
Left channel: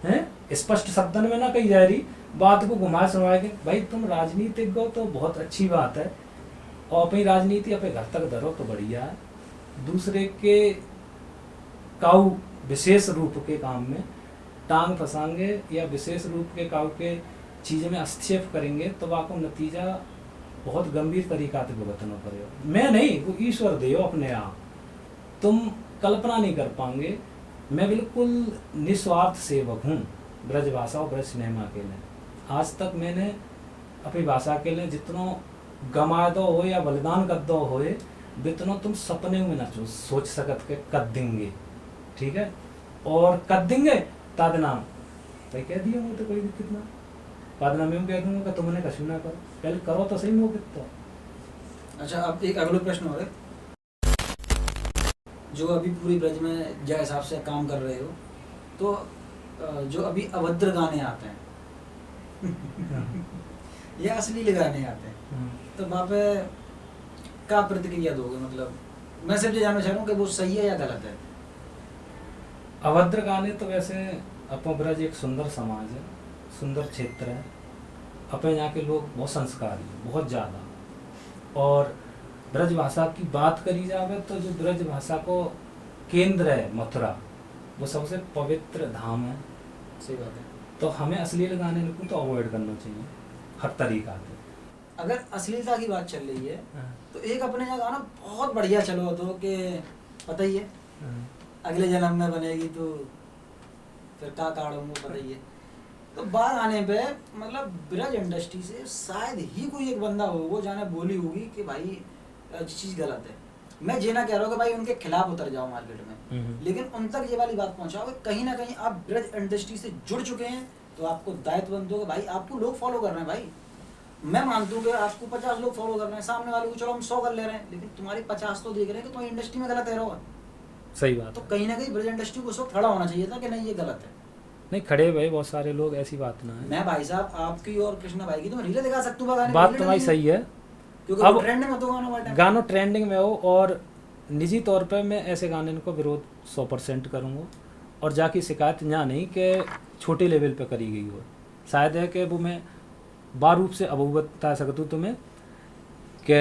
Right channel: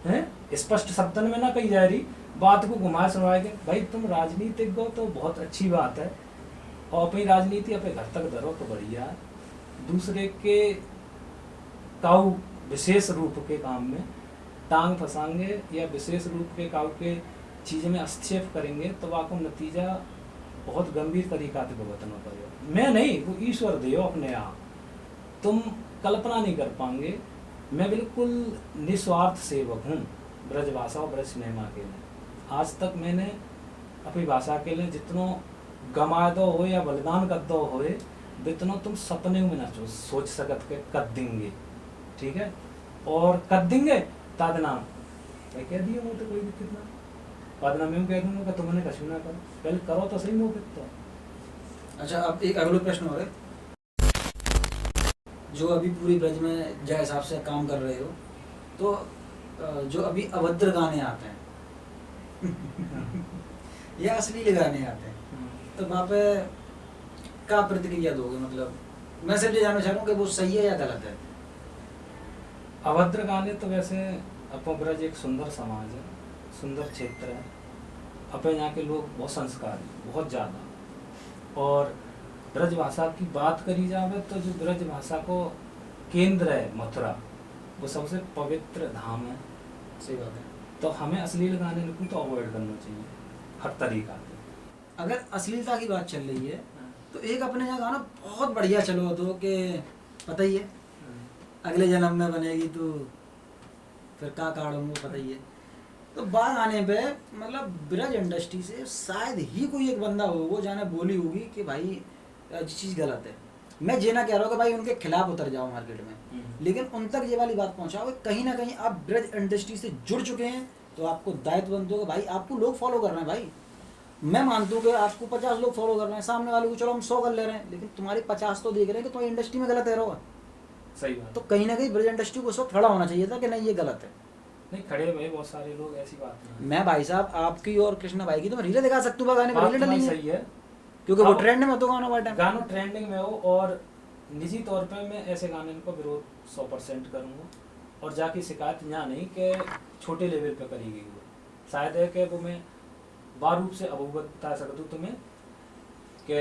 हैं स्पष्ट शब्दन में ना कही जा रही बात को घुमा सुनवा के, भाई तुम राजनीतिक हो तो बहुत अच्छी बात है, और अपनी राजनीति अपने घर तक धरो तो बढ़िया है, दूसरे के काऊ विशेष रूप के काम में टांग फंसाएंगे या विशेष रूप के काऊ के चीज में हस्तक्षेप करेंगे तो वाको नतीजा बहुत गंभीर तरीका से भुगतना पड़ेगा। मैं नहीं, वो ईश्वर दे अपने आप, तुम कल्पना नहीं कर पाएंगे। मैं बिल्कुल निस्वार्थ सेवक हूँ ब्रज भाषा और ब्रज सिनेमा के लिए। आज तक मैंने अपनी भाषा के लिए जितना गमा दो हो या बलिदान कर दो हो, जितना तुम सपने में ना सोच सकत के कर देंगे, ठीक है, और कर देंगे ताद नाम भाई कह दिया मुझे कोई दिक्कत ना, बाद में मैं कह दूंगा कि तुमने कछु ना करो, पहले करो तो सही मौके तो। अच्छा, अब एक अगला प्रश्न और है, जो अभी पूरी ब्रज में जिस हिसाब से काम कर रहे हो, तो जो अभी अभद्र गाने आते हैं या अश्लील गाने आते हैं, तो वहाँ पे क्या प्रतिक्रिया दोगे? मतलब मैं सिर्फ ये जानना चाह रहा हूँ कि वो सही है या गलत है। अभद्र गाने तो वैसे अपना ब्रज एक सुंदर समाज है, सुंदर क्षेत्र है, अपने यहाँ के लोग बहुत संस्कारी, बहुत ज़्यादा। और ब्रज भाषा की बात करी जाए तो जो ब्रज भाषा को केंद्र है मथुरा, वो सबसे पवित्र धाम है। सही बात है। तो हमें अश्लील गाने को तो अवॉइड करना चाहिए हर तरीका से। अगर अश्लीलता की बात चल रही है तो एक अपने यहाँ गाना बहुत बढ़िया चलो तो कि पता ही है अगले जन्म में बनेगी तो फिर का काढ़ूंगा, पता ही है। तो बात आने पे मतलब ब्रज इंडस्ट्री से शायद ही कोई एक बंदा हो वो जाने बोली होगी कि भाई ये चीज़ गलत है। मैं ये ना कह रहा हूँ कि भाई उनके खिलाफ उतर जाओ मार्केट में, लेकिन उन तक ये वाली बात पहुँचाओ कि कहीं ना कहीं आप ब्रज इंडस्ट्री से जुड़ चुके हैं तो आपको दायित्व बनते हो कि भाई आपको लोग फॉलो कर रहे हैं। भाई मैं मानता हूँ कि आपको 50 लोग फॉलो कर रहे हैं, सामने वाले को चलो हम 100 कर ले रहे हैं, लेकिन तुम्हारी 50 तो देख रहे हैं कि तुम्हारी इंडस्ट्री में गलत है रहो। सही बात। तो कहीं ना कहीं ब्रज इंडस्ट्री को उस वक्त खड़ा होना चाहिए था कि नहीं ये गलत है। नहीं खड़े भाई बहुत सारे लोग, ऐसी बात नहीं है। मैं भाई साहब आपकी और कृष्णा भाई की तो मैं रीले दिखा सकता हूँ गाने, बात तो भाई सही है, क्योंकि वो ट्रेंड में तो गानों ट्रेंडिंग में हो। और निजी तौर पे मैं ऐसे गाने को विरोध 100% करूँगा, और जाके शिकायत यहाँ नहीं कि छोटे लेवल पे करी गई हो। शायद है कि वो मैं बार रूप से अवगत बता सकता हूँ तुम्हें कि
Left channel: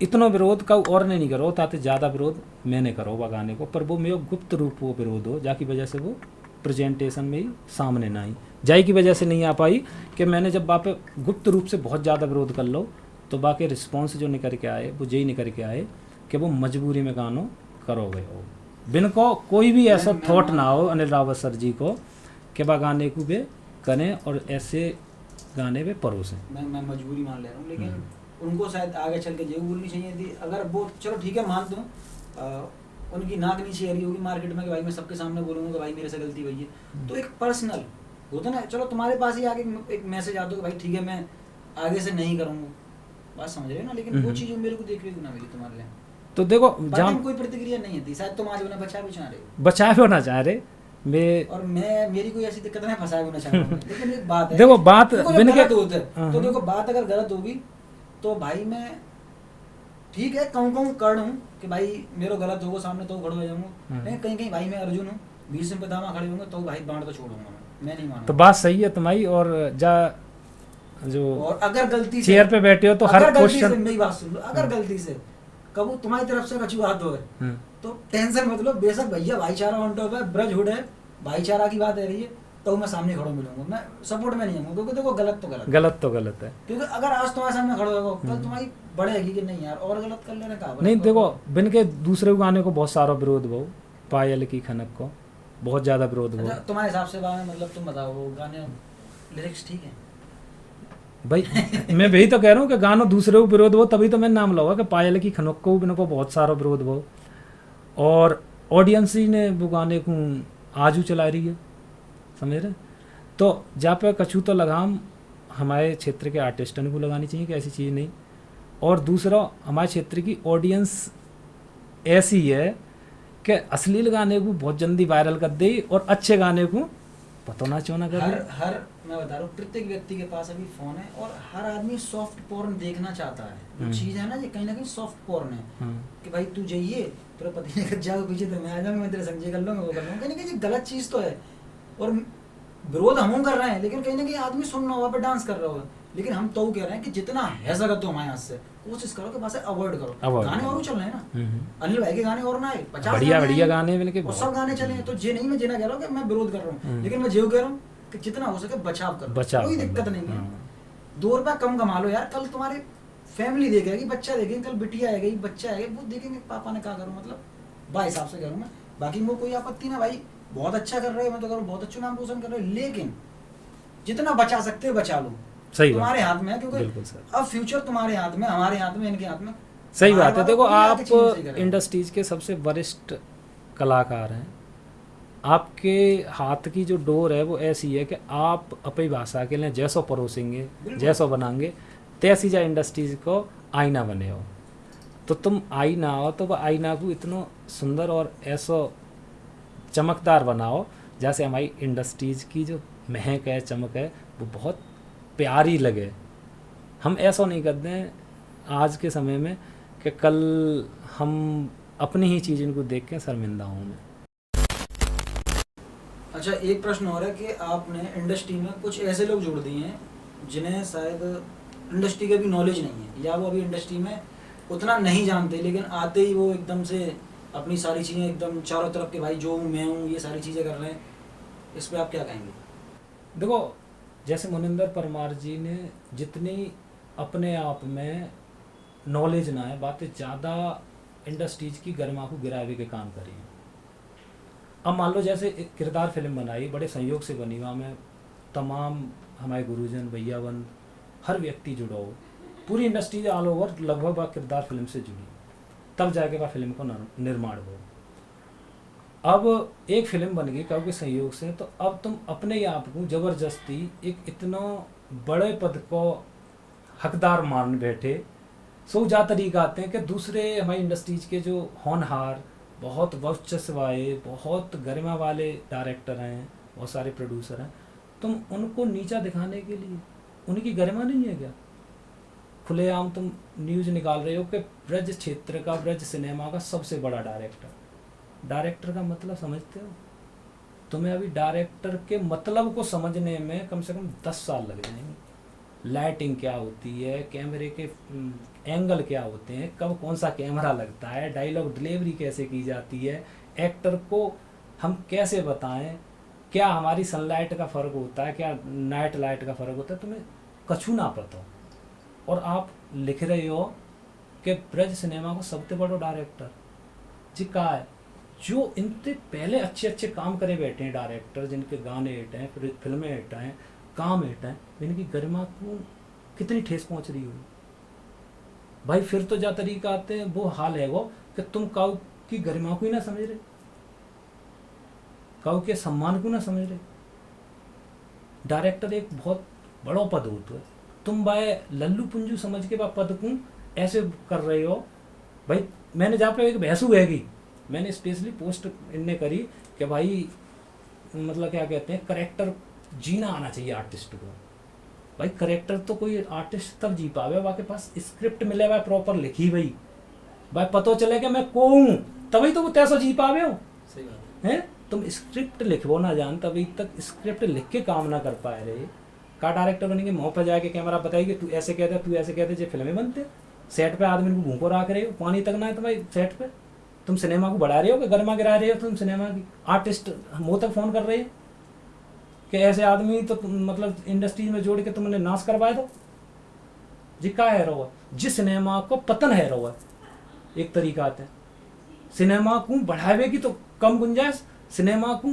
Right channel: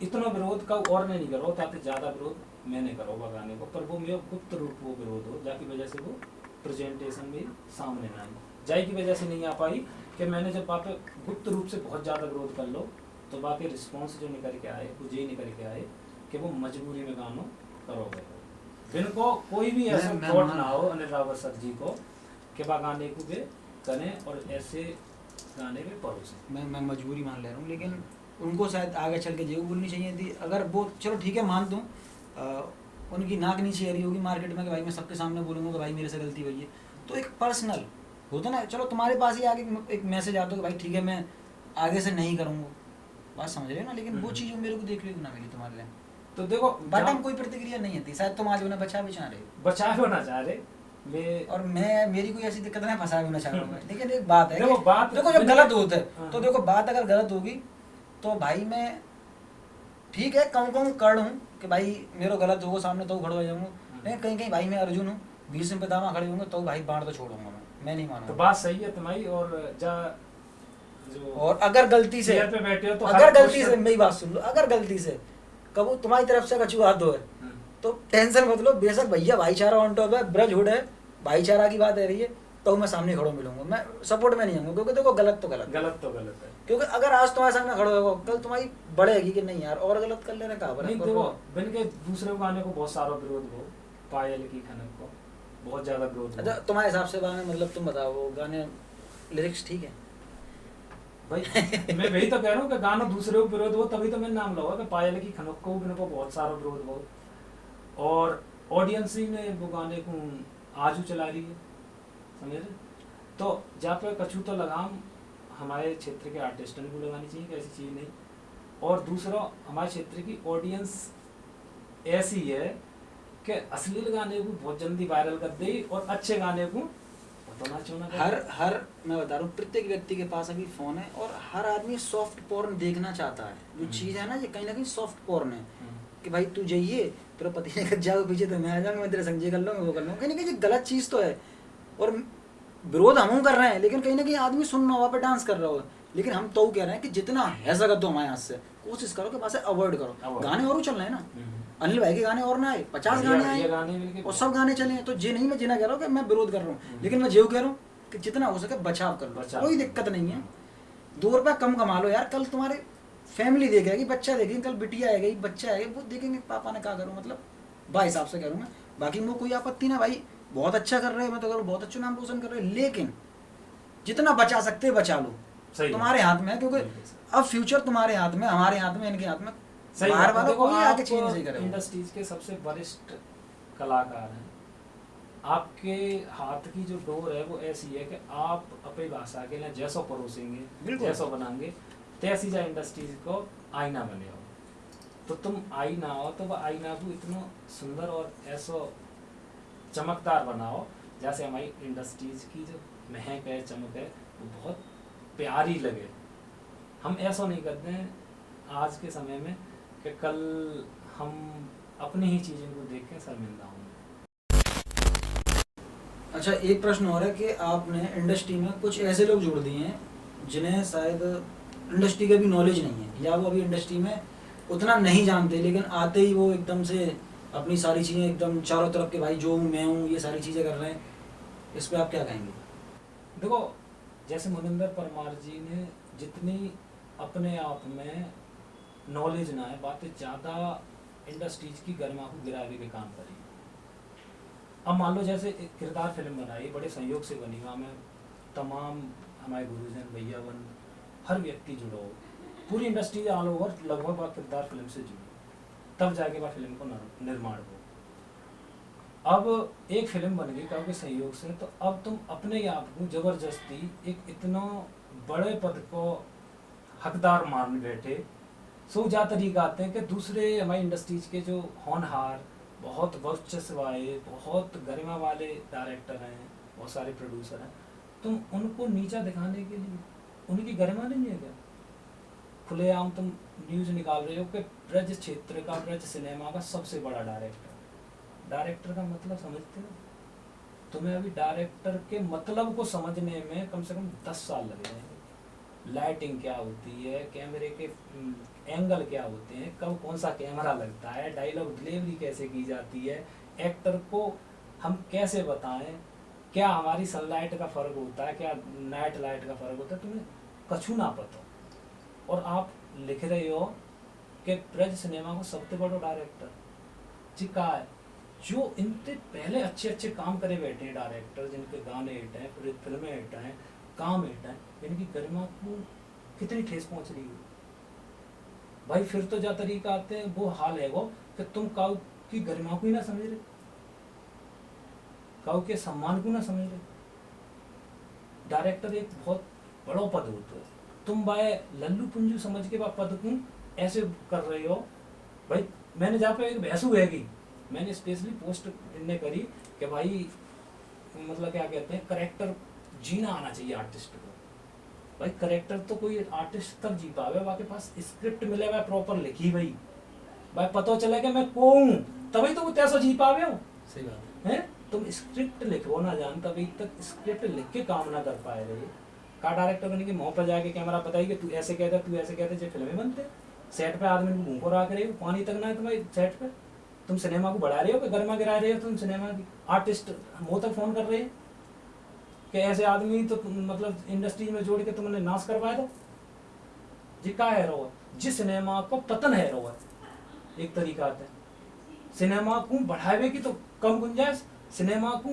इतना विरोध का और नहीं करो, ताकि ज़्यादा विरोध मैंने करो वह गाने को, पर वो मेरे गुप्त रूप वो विरोध हो, जाकी वजह से वो प्रेजेंटेशन में ही सामने ना आई, जाय की वजह से नहीं आ पाई कि मैंने जब वहाँ पे गुप्त रूप से बहुत ज़्यादा विरोध कर लो तो बाकी रिस्पॉन्स जो निकल के आए वो यही निकल के आए कि वो मजबूरी में गानों करोगे हो, बिन को कोई भी ऐसा थॉट ना हो अनिल रावत सर जी को कि वह गाने को वे करें और ऐसे गाने पे परोसें। मैं मजबूरी मान ले रहा हूँ, लेकिन उनको शायद आगे चल के जो बोलनी चाहिए थी। अगर वो चलो ठीक है मान दूँ, उनकी नाक नीचे आ रही होगी मार्केट में कि भाई मैं सबके सामने बोलूँगा कि भाई मेरे से गलती हुई है, तो एक पर्सनल होता ना, चलो तुम्हारे पास ही आगे एक मैसेज आता हो कि भाई ठीक है मैं आगे से नहीं करूँगा, बात समझ रहे हो ना। लेकिन वो चीज़ मेरे को देखने को ना मिली तुम्हारे लिए। तो देखो जहाँ कोई प्रतिक्रिया नहीं थी, शायद तुम आज उन्हें बचा भी चाह रहे हो, बचाए होना चाह रहे मैं, और मैं मेरी कोई ऐसी दिक्कत नहीं, फंसाए होना चाह रहा हूँ। लेकिन एक बात है, देखो बात देखो जब गलत होता है तो देखो बात अगर गलत होगी तो भाई मैं ठीक है कहूँ कर हूँ कि भाई मेरा गलत होगा सामने तो खड़ा हो जाऊंगा, लेकिन कहीं कहीं भाई मैं अर्जुन हूँ, 20 में पितामा खड़े होंगे तो भाई बाढ़ तो छोड़ूंगा मैं नहीं मानूंगा। तो बात सही है तुम्हारी। और जा जो और अगर गलती से चेयर पे बैठे हो तो अगर हर गलती से क्वेश्चन, मेरी बात सुन लो, अगर गलती से कबू तुम्हारी तरफ से कछु हाथ धो तो टेंशन मत लो, बेशक भैया भाईचारा ऑन टॉप है, ब्रज हुड है, भाईचारा की बात है रही है, तो मैं सामने खड़ा मिलूंगा, मैं सपोर्ट में नहीं आऊंगा, क्योंकि देखो गलत तो गलत है। क्योंकि अगर आज तुम्हारे सामने खड़ा होगा कल तुम्हारी बढ़ेगी कि नहीं यार और गलत कर लेने का नहीं। देखो बिन के दूसरे गाने को बहुत सारा विरोध हो, पायल की खनक को बहुत ज्यादा विरोध हो। तुम्हारे हिसाब से मतलब तुम बताओ वो गाने लिरिक्स ठीक है भाई मैं वही तो कह रहा हूँ कि गानों दूसरे को विरोध हो, तभी तो मैंने नाम लगा कि पायल की खनक को बिन को बहुत सारा विरोध हो, और ऑडियंस ही ने वो गाने को आजू चला रही है, समझ रहे। तो जहाँ पे कछु तो लगाम हमारे क्षेत्र के आर्टिस्टों को लगानी चाहिए कि ऐसी चीज़ नहीं। और दूसरा हमारे क्षेत्र की ऑडियंस ऐसी है कि अश्लील गाने को बहुत जल्दी वायरल कर दे और अच्छे गाने को पता ना चाहना हर मैं बता रहा हूँ प्रत्येक व्यक्ति के पास अभी फोन है और हर आदमी सॉफ्ट पोर्न देखना चाहता है। जो चीज़ है ना ये कहीं ना कहीं सॉफ्ट पोर्न है कि भाई तू जाइए तेरा पति ने जाओ पीछे तो मैं आ जाऊंगा, मैं तेरे संग कर लूँगा वो कर लूँगा, कहीं ना कहीं गलत चीज़ तो है। और विरोध हम कर रहे हैं, लेकिन कहीं ना कहीं आदमी सुन रहा होगा पे डांस कर रहा होगा, लेकिन हम तो कह रहे हैं कि जितना है सकत तो हमारे हाथ से कोशिश करो कि वहाँ से अवॉइड करो। गाने और चल रहे हैं ना, अनिल भाई के गाने और ना आए 50 गाने और सब गाने चले, तो ये नहीं मैं जिना कह रहा हूँ कि मैं विरोध कर रहा हूँ, लेकिन मैं जो कह रहा हूँ कि जितना हो सके बचाव करो, कोई दिक्कत नहीं है। 2 रुपया कम कमा लो यार, कल तुम्हारे फैमिली देखेगी, बच्चा देखेगी, कल बिटिया आएगी, बच्चा आएगा, वो देखेंगे पापा ने क्या करूँ, मतलब भाई हिसाब से करूँ मैं। बाकी उनको कोई आपत्ति ना, भाई बहुत अच्छा कर रहे हैं, मैं तो करूँ बहुत अच्छा नाम पोषण कर रहे हैं, लेकिन जितना बचा सकते बचा लो, तुम्हारे हाथ में है, क्योंकि अब फ्यूचर तुम्हारे हाथ में, हमारे हाथ में, इनके हाथ में। सही बात है। देखो आप इंडस्ट्रीज के सबसे वरिष्ठ कलाकार हैं, आपके हाथ की जो डोर है वो ऐसी है कि आप अपनी भाषा के लिए जैसो परोसेंगे, बिल्कुल। जैसो बनाएंगे, तैसी जा इंडस्ट्रीज को आईना बने हो। तो तुम आईना हो तो वह आईना को इतना सुंदर और ऐसो चमकदार बनाओ जैसे हमारी इंडस्ट्रीज की जो महक है, चमक है, वो बहुत प्यारी लगे। हम ऐसा नहीं करते हैं आज के समय में कि कल हम अपनी ही चीज़ इनको देख के शर्मिंदा होंगे। अच्छा, एक प्रश्न और है कि आपने इंडस्ट्री में कुछ ऐसे लोग जोड़ दिए हैं जिन्हें शायद इंडस्ट्री का भी नॉलेज नहीं है, या वो अभी इंडस्ट्री में उतना नहीं जानते, लेकिन आते ही वो एकदम से अपनी सारी चीज़ें एकदम चारों तरफ के भाई जो हूँ मैं हूँ ये सारी चीज़ें कर रहे हैं। इस पर आप क्या कहेंगे? देखो, जैसे मुनिंदर परमार जी ने जितनी अपने आप में नॉलेज ना है, बातें ज़्यादा इंडस्ट्रीज की गरिमा को गिरावे के काम करी। अब मान लो जैसे एक किरदार फिल्म बनाई, बड़े संयोग से बनी, वहाँ में तमाम हमारे गुरुजन भैया बन हर व्यक्ति जुड़ा हो, पूरी इंडस्ट्री ऑल ओवर लगभग वह किरदार फिल्म से जुड़ी, तब जाके वह फिल्म का निर्माण हो। अब एक फिल्म बन गई कब के सहयोग से, तो अब तुम अपने आप को जबरदस्ती एक इतना बड़े पद को हकदार मान बैठे। सो जा तरीका आते हैं कि दूसरे हमारी इंडस्ट्रीज के जो होनहार, बहुत वर्चस्व वाले, बहुत गरिमा वाले डायरेक्टर हैं, बहुत सारे प्रोड्यूसर हैं, तुम उनको नीचा दिखाने के लिए, उनकी गरिमा नहीं है क्या? खुलेआम तुम न्यूज़ निकाल रहे हो कि ब्रज क्षेत्र का, ब्रज सिनेमा का सबसे बड़ा डायरेक्टर का मतलब समझते हो? तुम्हें अभी डायरेक्टर के मतलब को समझने में कम से कम 10 साल लग जाएंगे। लाइटिंग क्या होती है, कैमरे के एंगल क्या होते हैं, कब कौन सा कैमरा लगता है, डायलॉग डिलीवरी कैसे की जाती है, एक्टर को हम कैसे बताएं, क्या हमारी सनलाइट का फ़र्क होता है, क्या नाइट लाइट का फ़र्क होता है, तुम्हें कछु ना पता। और आप लिख रहे हो कि ब्रज सिनेमा को सबसे बड़ा डायरेक्टर जी का है, जो इनसे पहले अच्छे अच्छे काम करे बैठे हैं डायरेक्टर, जिनके गाने हिट हैं, फिल्में हिट हैं, काम हिट हैं, इनकी गरिमा को कितनी ठेस पहुंच रही है भाई। फिर तो जा तरीका आते हैं, वो हाल है वो कि तुम काऊ की गरिमा को ही ना समझ रहे, काऊ के सम्मान को ना समझ रहे। डायरेक्टर एक बहुत बड़ा पद होता है, तुम भाई लल्लू पुंजू समझ के पद को ऐसे कर रहे हो भाई। मैंने जहाँ पे एक बहसू हैगी, मैंने स्पेशली पोस्ट इनने करी कि भाई मतलब क्या कहते हैं, करेक्टर जीना आना चाहिए आर्टिस्ट को। भाई करेक्टर तो कोई आर्टिस्ट तब जी पावे वाके पास स्क्रिप्ट मिले हुआ प्रॉपर लिखी भाई पता चले कि मैं को हूँ, तभी तो वो तैसा जी पावे हो। सही बात है, तुम स्क्रिप्ट लिखो ना जान, तभी तक स्क्रिप्ट लिख के काम ना कर पाए रहे। का डायरेक्टर बनेंगे मुँह पर जाके कैमरा बताएगी तू ऐसे कहते, तू ऐसे कहते, जो फिल्में बनते सेट पे आदमी मुँह को रख रहे हो, पानी तक ना है तो भाई सेट पे तुम सिनेमा को बढ़ा रहे हो कि गरिमा गिरा रहे हो? तुम सिनेमा की आर्टिस्ट मुँह तक फोन कर रहे हैं कि ऐसे आदमी तो मतलब इंडस्ट्री में जोड़ के तुमने नाश करवाए दो जी। का है रहा जिस सिनेमा को पतन है रहा एक तरीका है सिनेमा को बढ़ावे की तो कम गुंजाइश, सिनेमा को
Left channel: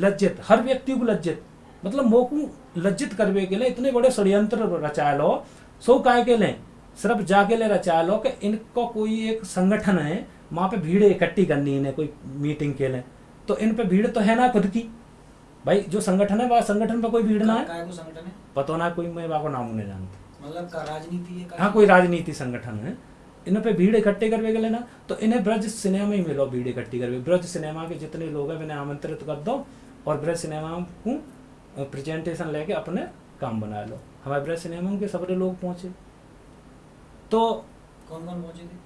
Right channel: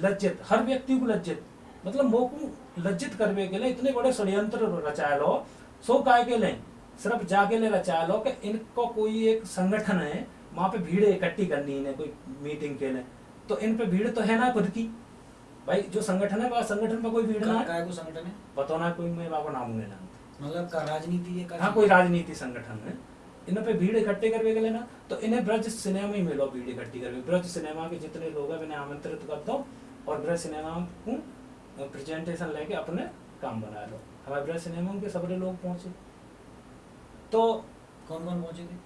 लज्जित, हर व्यक्ति को लज्जित, मतलब मोह को लज्जित करवे के लिए इतने बड़े षड्यंत्र रचाए लो। सो काय के लिए सिर्फ जाके ले रचाए लो कि इनको कोई एक संगठन है, वहां पे भीड़ इकट्ठी करनी है कोई मीटिंग के लिए, तो इन पे भीड़ तो है ना खुद की भाई। जो संगठन है वह संगठन पर कोई भीड़ ना है, काय को संगठन है पता ना कोई, मैं बाबा नाम नहीं जानता, मतलब का राजनीति है, हाँ कोई राजनीति संगठन है। इन पे भीड़ इकट्ठे करवे के लेना, तो इन्हें ब्रज सिनेमा ही मिलो भीड़ इकट्ठी करवे। ब्रज सिनेमा के जितने लोग हैं मैंने आमंत्रित कर दो और ब्रज सिनेमा को प्रेजेंटेशन लेके अपने काम बना लो। हमारे ब्रज सिनेमा के सबरे लोग पहुंचे, तो कौन कौन पहुंचे थे?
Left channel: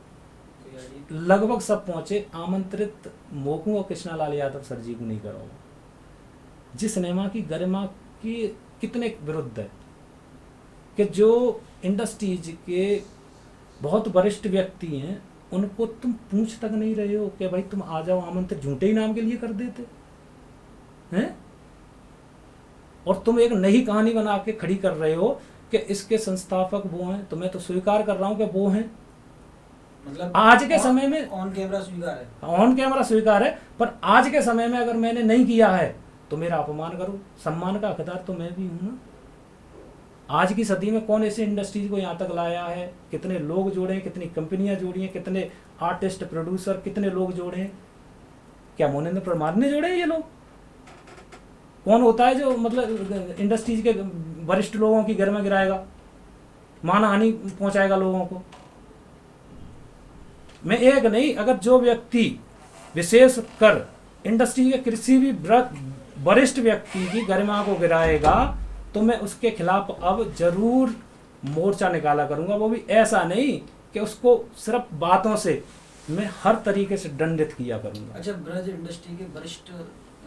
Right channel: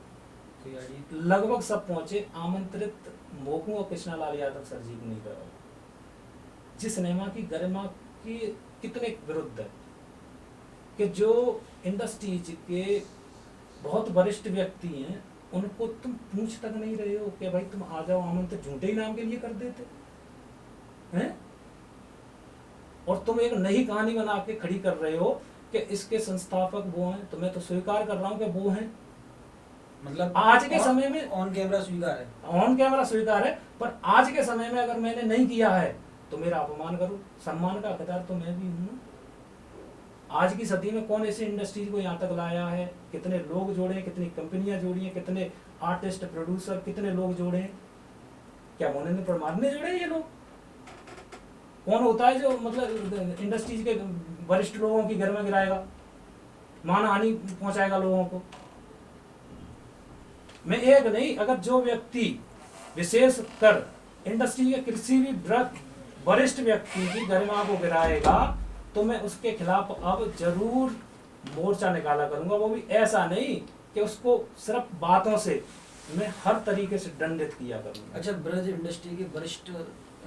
कोई आइडिया? लगभग सब पहुंचे। आमंत्रित मोकू और कृष्णालाल यादव सर जी को नहीं करो, जिस सिनेमा की गरिमा की कितने विरुद्ध है कि जो इंडस्ट्रीज के बहुत वरिष्ठ व्यक्ति हैं उनको तुम पूछ तक नहीं रहे हो कि भाई तुम आ जाओ आमंत्रित, झूठे ही नाम के लिए कर देते हैं। और तुम एक नई कहानी बना के खड़ी कर रहे हो कि इसके संस्थापक वो हैं, तो मैं तो स्वीकार कर रहा हूं कि वो हैं, मतलब आज के समय में ऑन कैमरा स्वीकार है, ऑन कैमरा स्वीकार है, पर आज के समय में अगर मैंने नहीं किया है तो मेरा अपमान करो। सम्मान का हकदार तो मैं भी हूं। आज की सदी में कौन ऐसे इंडस्ट्रीज को यहाँ तक लाया है, कितने लोग जोड़े, कितनी कंपनियां जोड़ी हैं, कितने आर्टिस्ट प्रोड्यूसर, कितने लोग जोड़े हैं? क्या मोनेंद्र परमार ने जोड़े ये लोग? कौन होता है जो मतलब इंडस्ट्रीज के वरिष्ठ लोगों की घर में गिराएगा, मानहानि पहुंचाएगा लोगों को? मैं एक नहीं, अगर जो व्यक्ति विशेष कर इंडस्ट्री के किसी भी वरिष्ठ व्यक्ति की गरिमा को गिराएगा तो मैं उसके खिलाफ अब जरूर मोर्चा निकाला करूंगा। वो भी ऐसा नहीं कि उसको सिर्फ बातों से, मैं हर तरीके से दंडित किया करूंगा। अच्छा, ब्रज इंडस्ट्री के वरिष्ठ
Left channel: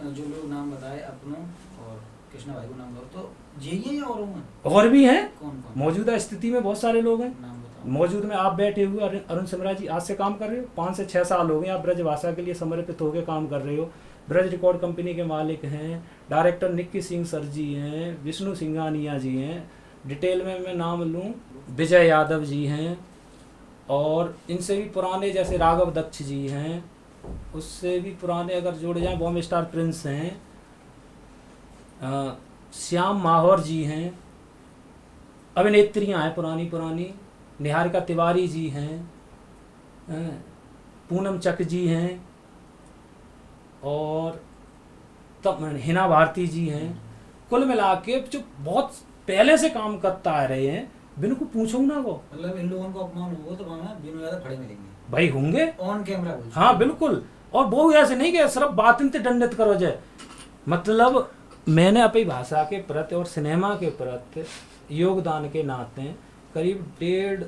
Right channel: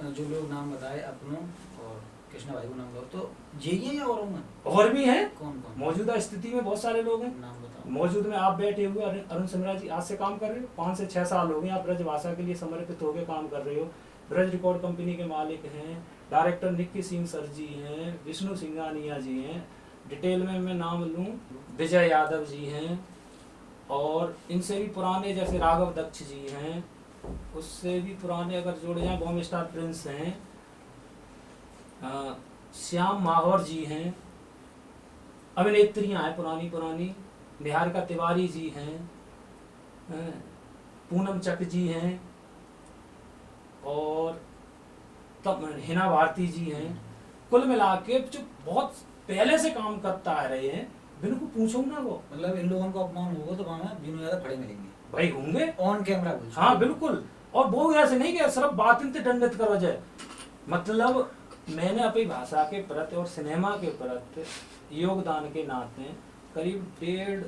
जो लोग नाम बताए अपनों और कृष्णा भाई को नाम बताओ, तो यही है या और होंगे? और भी हैं, कौन कौन मौजूदा स्थिति में बहुत सारे लोग हैं। नाम बताओ। मौजूद में आप बैठे हुए अरुण सिमरा जी आज से काम कर रहे हो, 5 से 6 साल हो गए आप ब्रज भाषा के लिए समर्पित होकर काम कर रहे हो। ब्रज रिकॉर्ड कंपनी के मालिक हैं, डायरेक्टर निक्की सिंह सर जी हैं, विष्णु सिंघानिया जी हैं, डिटेल में मैं नाम लूं विजय यादव जी हैं, और इनसे भी पुराने जैसे राघव दक्ष जी हैं, उससे भी पुराने अगर जोड़ जाए बॉम्बे स्टार प्रिंस हैं, श्याम माहौर जी हैं, अभिनेत्रियां हैं पुरानी निहारिका तिवारी जी हैं, पूनम चक जी हैं, और तब हिना भारती जी हैं। कुल मिला के जो बहुत पहले से काम करता आ रहे हैं, बिनु को पूछो ना वो, मतलब इन लोगों को अपमान होगा तो वहाँ बिनु यादव खड़े मिलेंगे भाई होंगे ऑन कैमरा। हाँ बिल्कुल। और वो ऐसे नहीं कि सिर्फ बातें से दंडित करो जाए, मतलब मैंने अपनी भाषा के प्रति और सिनेमा के प्रति योगदान के नाते करीब 1.5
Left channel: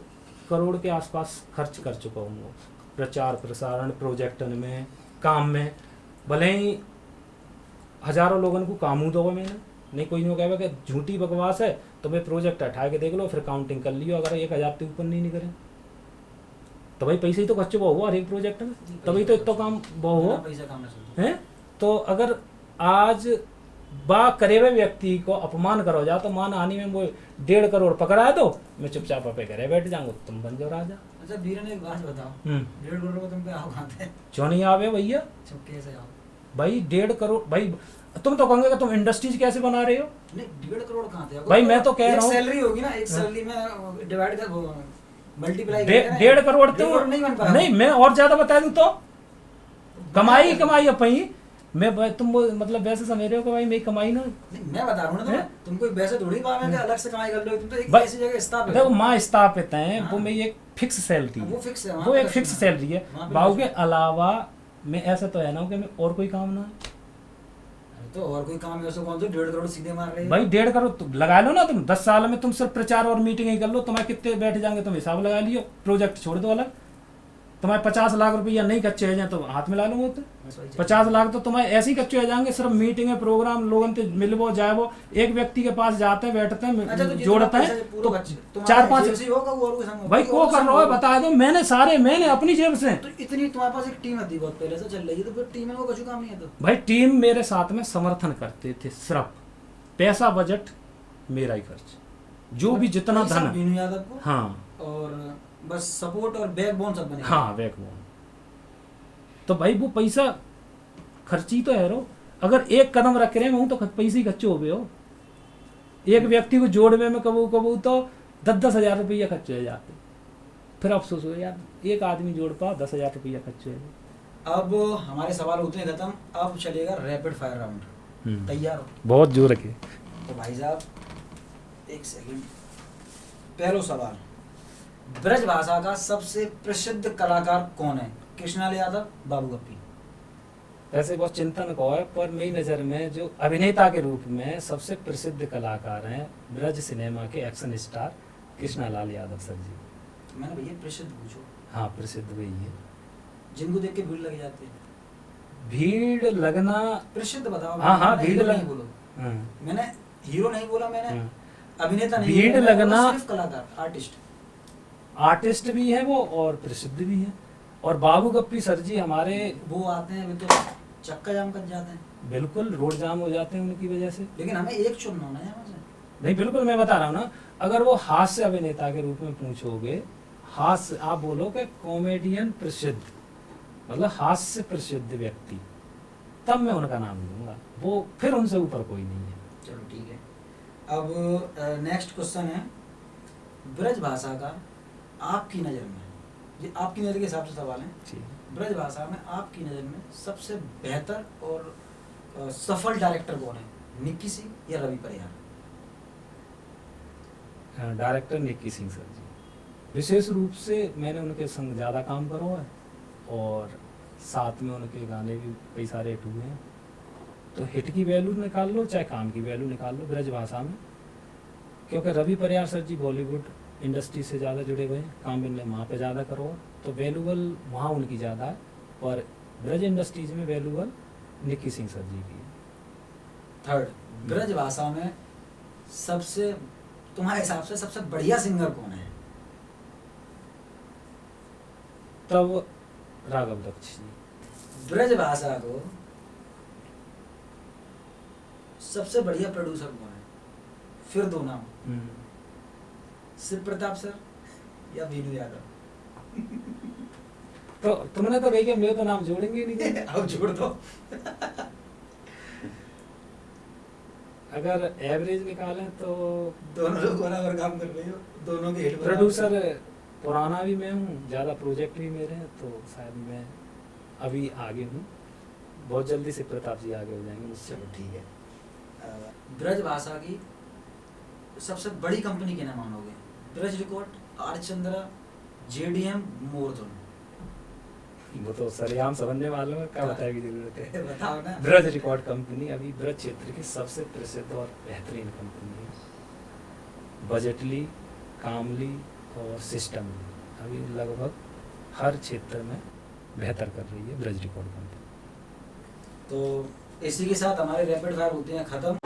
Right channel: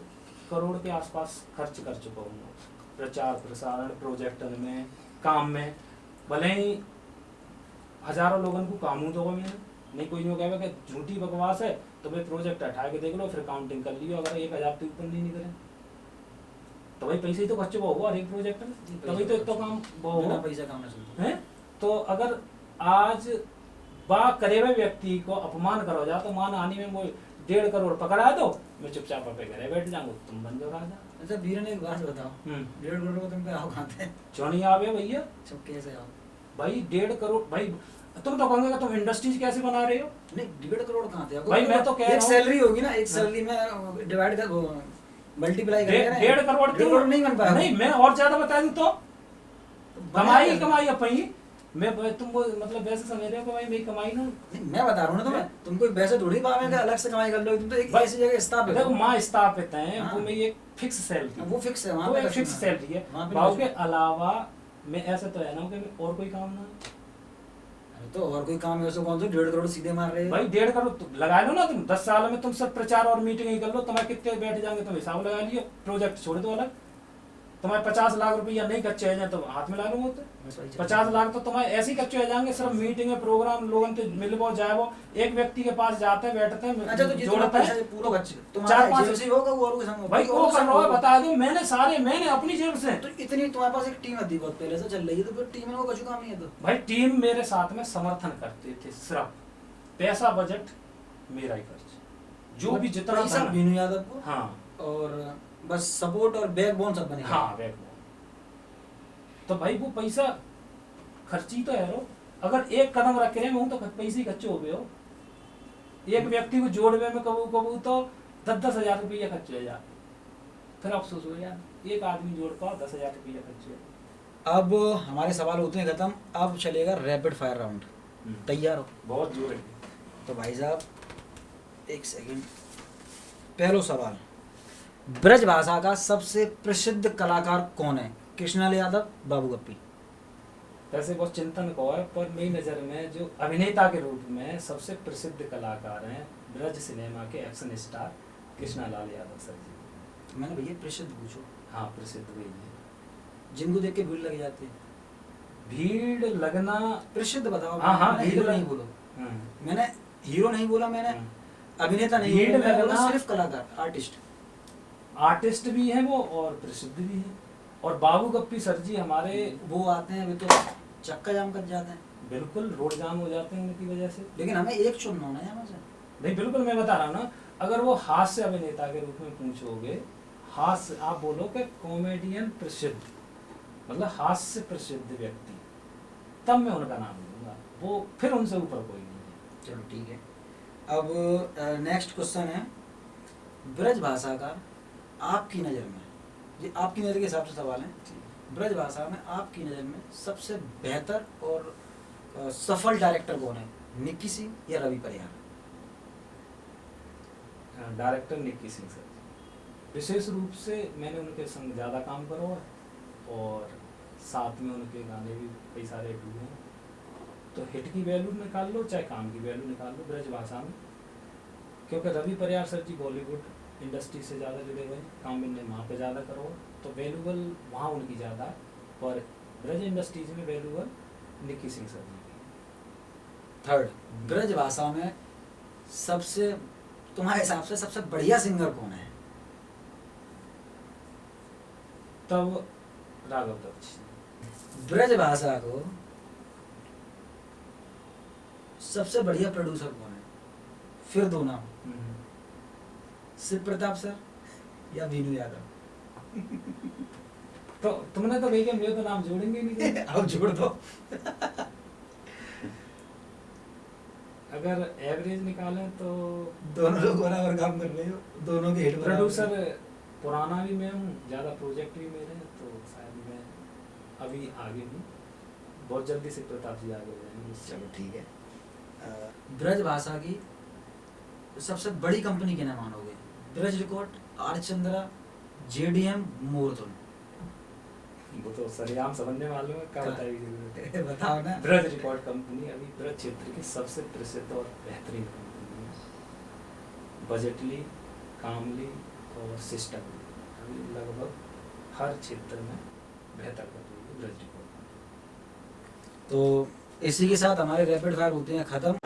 करोड़ के आसपास खर्च कर चुका हूँ, प्रचार प्रसारण प्रोजेक्ट में, काम में। भले ही हजारों लोगों को काम दो मैंने, नहीं कोई नहीं कहेगा कि झूठी बकवास है तो भाई प्रोजेक्ट हटा के देख लो, फिर काउंटिंग कर लियो, अगर 1000 से ऊपर नहीं करें तो भाई पैसे ही तो खर्च हुआ हर एक प्रोजेक्ट में, तभी तो इतना काम हुआ पैसा काम है। तो अगर आज बा करे हुए व्यक्ति को अपमान करो जा तो मान हानि में वो 1.5 करोड़ पकड़ा दो, मैं चुपचाप पे घरे बैठ जाऊंगा, तुम बन जाओ राजा। अच्छा वीर ने एक बात बताओ, 1.5 करोड़ को तुम पे आओ खाते क्यों नहीं आवे भैया? कैसे आओ भाई 1.5 करोड़ भाई, तुम तो कहोगे तुम इंडस्ट्रीज कैसे बना रहे हो? नहीं 1.5 करोड़ कहाँ थे भाई मैं तो कह रहा हूँ सैलरी होगी ना, एक सैलरी में डिवाइड कर मल्टीप्लाई कर 1.5 करोड़ तो नहीं बन पाया। नहीं, मैं और ज्यादा बता दूं तो कमाई अपनी मैं तुम मतलब वैसे समझ रहे हो कि भाई मेरी कमाई ना, नहीं मैं बता रहा हूँ ना, तुम कोई वैसे थोड़ी पावे अलग से कमाई कर लो, तुम तो एक ऐसी जगह स्थापित देखो माँ स्थापित है, हाँ। वो मेरी एक फिक्स सैलरी, वो फिक्स है, वो एक फिक्स सैलरी है। बाबू के अलावा मैं ऐसा तो है ना कि मैं और कोई काम ना, तो और कोई काम ऐसा कौन सा 1.5 करोड़ सीधे मार रहे हो भाई? 1.5 करोड़ तो लगा लो ना तुम, 10 साल में तुम सिर्फ प्रचार और मीटिंग ही कर लो, तुम्हारे कितने बैठ जाएंगे तुम हिसाब लगा लियो, प्रोजेक्ट छोड़ दो अलग। तुम्हारे 50 लाख रुपया नहीं कच्चे हो जाए तो हाथ में ला लो, तो 50 लाख तो तुम्हारे ऐसे ही कच्चे हो जाएंगे, सिर्फ मीटिंग में प्रोग्राम लोगों से मिलवो जाए, वो एक व्यक्ति के पास जाते हैं बैठते हैं जोड़ते हैं तो 4-5 होगा वो और भाई वो कर रहा है, बता दो मैंने अपनी जेब से। तो इतनी तुम्हारे पास एक टीम आती बहुत पहले से चल रही है, तो फिर टीम में वो कुछ काम नहीं है। तो भाई टीम मेरे साथ में समर्थन करते थे, सिर्फ पैसा बजट मेरा ही खर्च, जो भी जितना धन बिनु यादव को, हाँ, और बस सपोर्ट और बैकबोन सब बने। हाँ बैकबोन। तो भाई वो पैसा खर्ची तो है रो, अगर एक कदम रख रहे हैं तो पैसे ही खर्चे हो गए हो। एक व्यक्ति को जोड़ने में कबू तो 10-10 हजार रुपया खर्च हो जाते, फिर अफसोस हो यार एक आदमी जोड़ पा 10 हजार रुपया खर्च हो। अब हमारे सवाल होते हैं खत्म, अब चलेगा रैपिड फायर राउंड। तैयार हो? बहुत जोर रखिए। तो भाई साहब एक सेकंड, पहला सवाल, ब्रज भाषा का सबसे प्रसिद्ध कलाकार कौन है? कृष्णलाल यादव, बाबू गप्पी? वैसे बहुत चिंतन को है, पर मेरी नज़र में जो अभिनेता के रूप में सबसे प्रसिद्ध कलाकार हैं ब्रज सिनेमा के action star Krishnalal Yadav sir ji. मैंने भैया प्रसिद्ध पूछो। हाँ प्रसिद्ध वही है, जिनको देख के भीड़ लग जाती है। भीड़ लगना, प्रसिद्ध बताओ। हाँ भीड़ नहीं बोलो, मैंने हीरो नहीं बोला, मैंने अभिनेता नहीं, भीड़ लगना, सिर्फ कलाकार, आर्टिस्ट भी है वो और प्रसिद्ध भी है। और बाबू गप्पी सर जी हमारे वो आते हैं, अभी तो चक्का जाम कर जाते हैं, बिल्कुल रोड जाम हो जाते हैं उनकी वजह से। लेकिन हमें एक चुनना होना है यहाँ से। नहीं बिल्कुल मैं बता रहा हूँ ना, अगर वो हास्य अभिनेता के रूप में पूछोगे, हास्य आप बोलो कि कॉमेडियन प्रसिद्ध, मतलब हास्य प्रसिद्ध व्यक्ति, तब मैं उनका नाम लूंगा, वो फिर उनसे ऊपर कोई नहीं है। चलो ठीक है। अब नेक्स्ट क्वेश्चन है, ब्रज भाषा का आपकी नज़र में, ये आपकी नज़र के हिसाब से सवाल है, ब्रज भाषा में आपकी नज़र में सबसे बेहतर और सफल डायरेक्टर कौन है? निक्की सिंह या रवि परिहार? डायरेक्टर निक्की सिंह सर जी। विशेष रूप से मैंने उनके संग ज़्यादा काम करो है और साथ में उनके गाने भी कई सारे हिट हुए हैं। तो हिट की वैल्यू निकाल लो चाहे काम की वैल्यू निकाल लो ब्रज भाषा में, क्योंकि रवि परिहार सर जी बॉलीवुड इंडस्ट्री से ज़्यादा जुड़े हुए हैं, काम इनने वहाँ पे ज़्यादा करो तो वैल्यूबल वहाँ उनकी ज़्यादा है, और ब्रज इंडस्ट्रीज में वैल्यूबल निक्की सिंह सर जी की। थर्ड, ब्रज भाषा में सबसे तुम्हारे हिसाब से सबसे बढ़िया सिंगर कौन है? तब राघव दक्ष जी। ब्रज भाषा को सबसे बढ़िया प्रोड्यूसर कौन है? फिर दो नाम, शिव प्रताप सर या वीनू यादव? तो तुमने तो देखे, मेरे तो नाम जोड़ेंगे ही नहीं। अब जोड़ दो। अगर एवरेज निकालें तो दोनों लोग बराबर काम कर रहे हो, दोनों के हिट बराबर। प्रोड्यूसर पुराना भी मैं हूँ, ज़्यादा प्रोजेक्ट भी मेरे हैं, तो शायद मैं अभी आगे हूँ, बहुत जल्दी से प्रताप जी आगे हो जाएंगे। चलो ठीक है। ब्रज भाषा की सबसे बड़ी कंपनी किन्हें मानोगे? Braj Record, R Chandra, JDM, Mordhun? वो तो सरेआम समझने वालों में क्या बताने की जरूरत है। बताओ ना। ब्रज रिकॉर्ड कंपनी अभी ब्रज क्षेत्र की सबसे प्रसिद्ध और बेहतरीन कंपनी है। बजटली, कामली और सिस्टमली अभी लगभग हर क्षेत्र में बेहतर कर रही है ब्रज रिकॉर्ड कंपनी। तो इसी के साथ हमारे रैपिड फायर होते हैं खत्म।